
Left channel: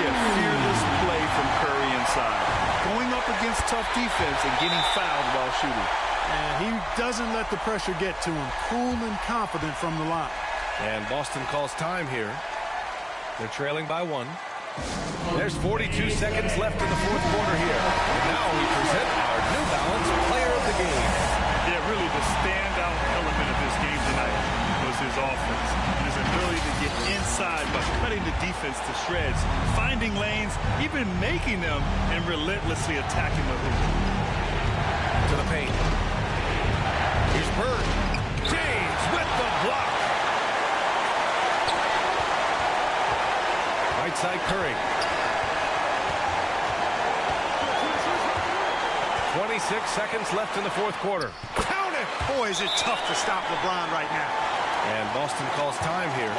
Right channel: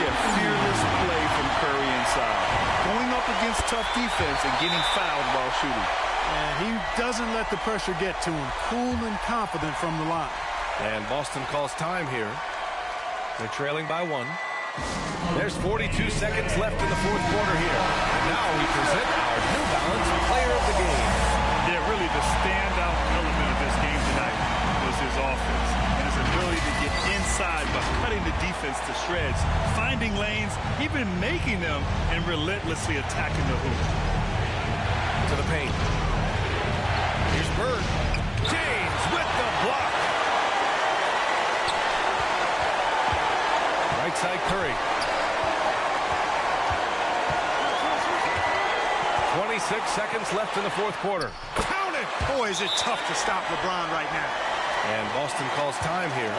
Yeah, fearless play from Curry inside. Going up against tough defense and getting fouled while shooting. And he doesn't let the pressure get to him. Cool and confident from the line. And Boston calls time here. They're trailing by 1. There's 42 seconds left in the fourth quarter here. And now we present our New Balance Player of the Game. Yeah, really the standout element of this game tonight was his offense and his ability to get inside by cutting the defense to shreds, finding lanes, even making them, and relentlessly attacking the hoop. To the paint. Here's Bird. James with the block. Right side, Curry. 26 seconds left in the fourth quarter. Count it! Boy, is it tough to stop LeBron right now. And Boston calls time here.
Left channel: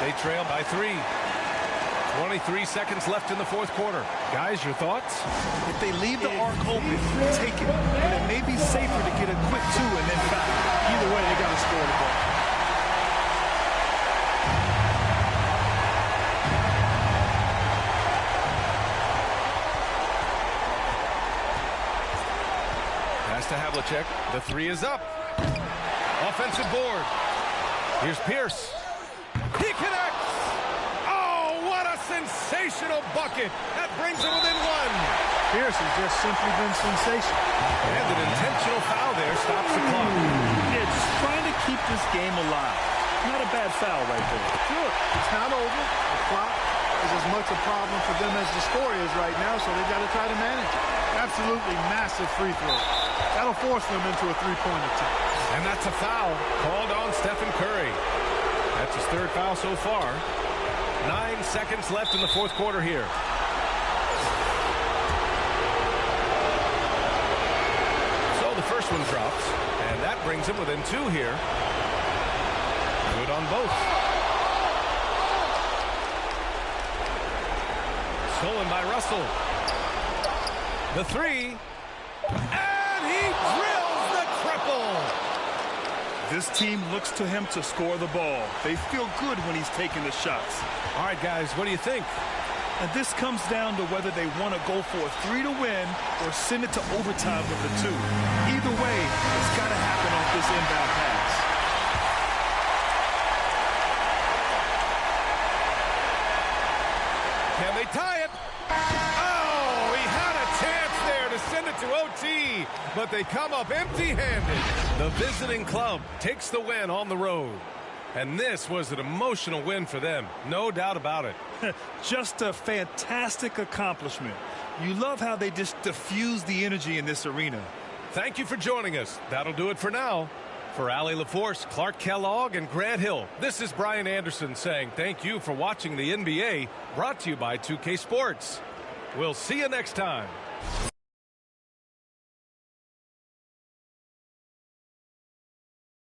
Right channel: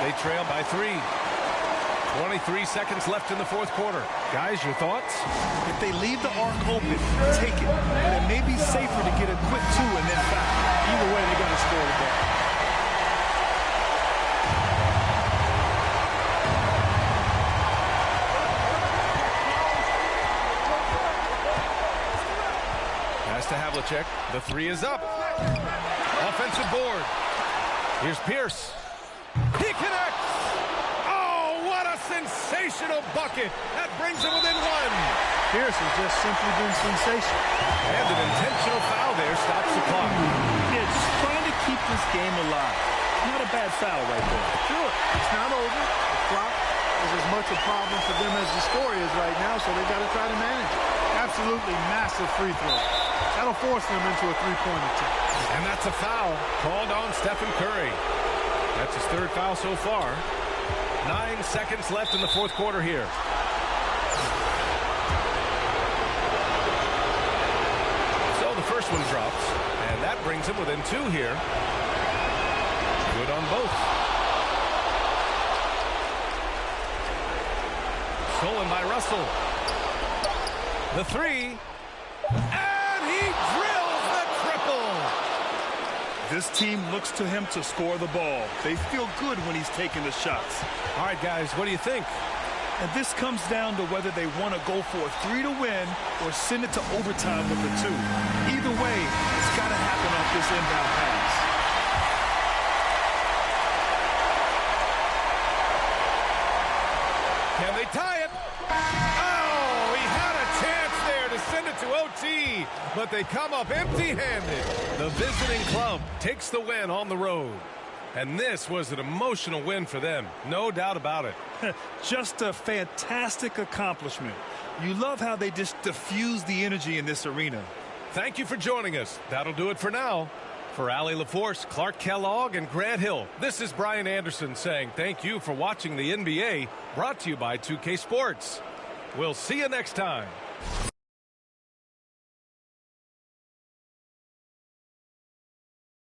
They trail by 3. 23 seconds left in the fourth quarter. Guys, your thoughts? If they leave the arc open, take it. But it may be safer to get a quick 2 and then foul. Either way, they got to score the ball. Pass to Havlicek. The 3 is up. Offensive board. Here's Pierce. He connects. Oh, what a sensational bucket. That brings him within 1. Pierce has just simply been sensational. And an intentional foul there stops the clock. Yeah, just trying to keep this game alive. Not a bad foul right there. Sure, it's not over. The clock is as much a problem for them as the score is right now, so they've got to try to manage it. Absolutely massive free throw. That'll force them into a three-point attempt. And that's a foul called on Stephen Curry. That's his 3rd foul so far. 9 seconds left in the fourth quarter here. So the first one drops, and that brings him within 2 here. Good on both. Stolen by Russell. The 3. And he drills the triple. This team looks to him to score the ball. They feel good when he's taking the shots. All right, guys, what do you think? And this comes down to whether they want to go for a 3 to win or send it to overtime with the 2. Either way, it's got to happen off this inbound pass. Can they tie it? Oh, he had a chance there to send it to OT, but they come up empty-handed. The visiting club takes the win on the road. And this was an emotional win for them, no doubt about it. Just a fantastic accomplishment. You love how they just diffuse the energy in this arena. Thank you for joining us. That'll do it for now. For Allie LaForce, Clark Kellogg, and Grant Hill, this is Brian Anderson saying thank you for watching the NBA, brought to you by 2K Sports. We'll see you next time.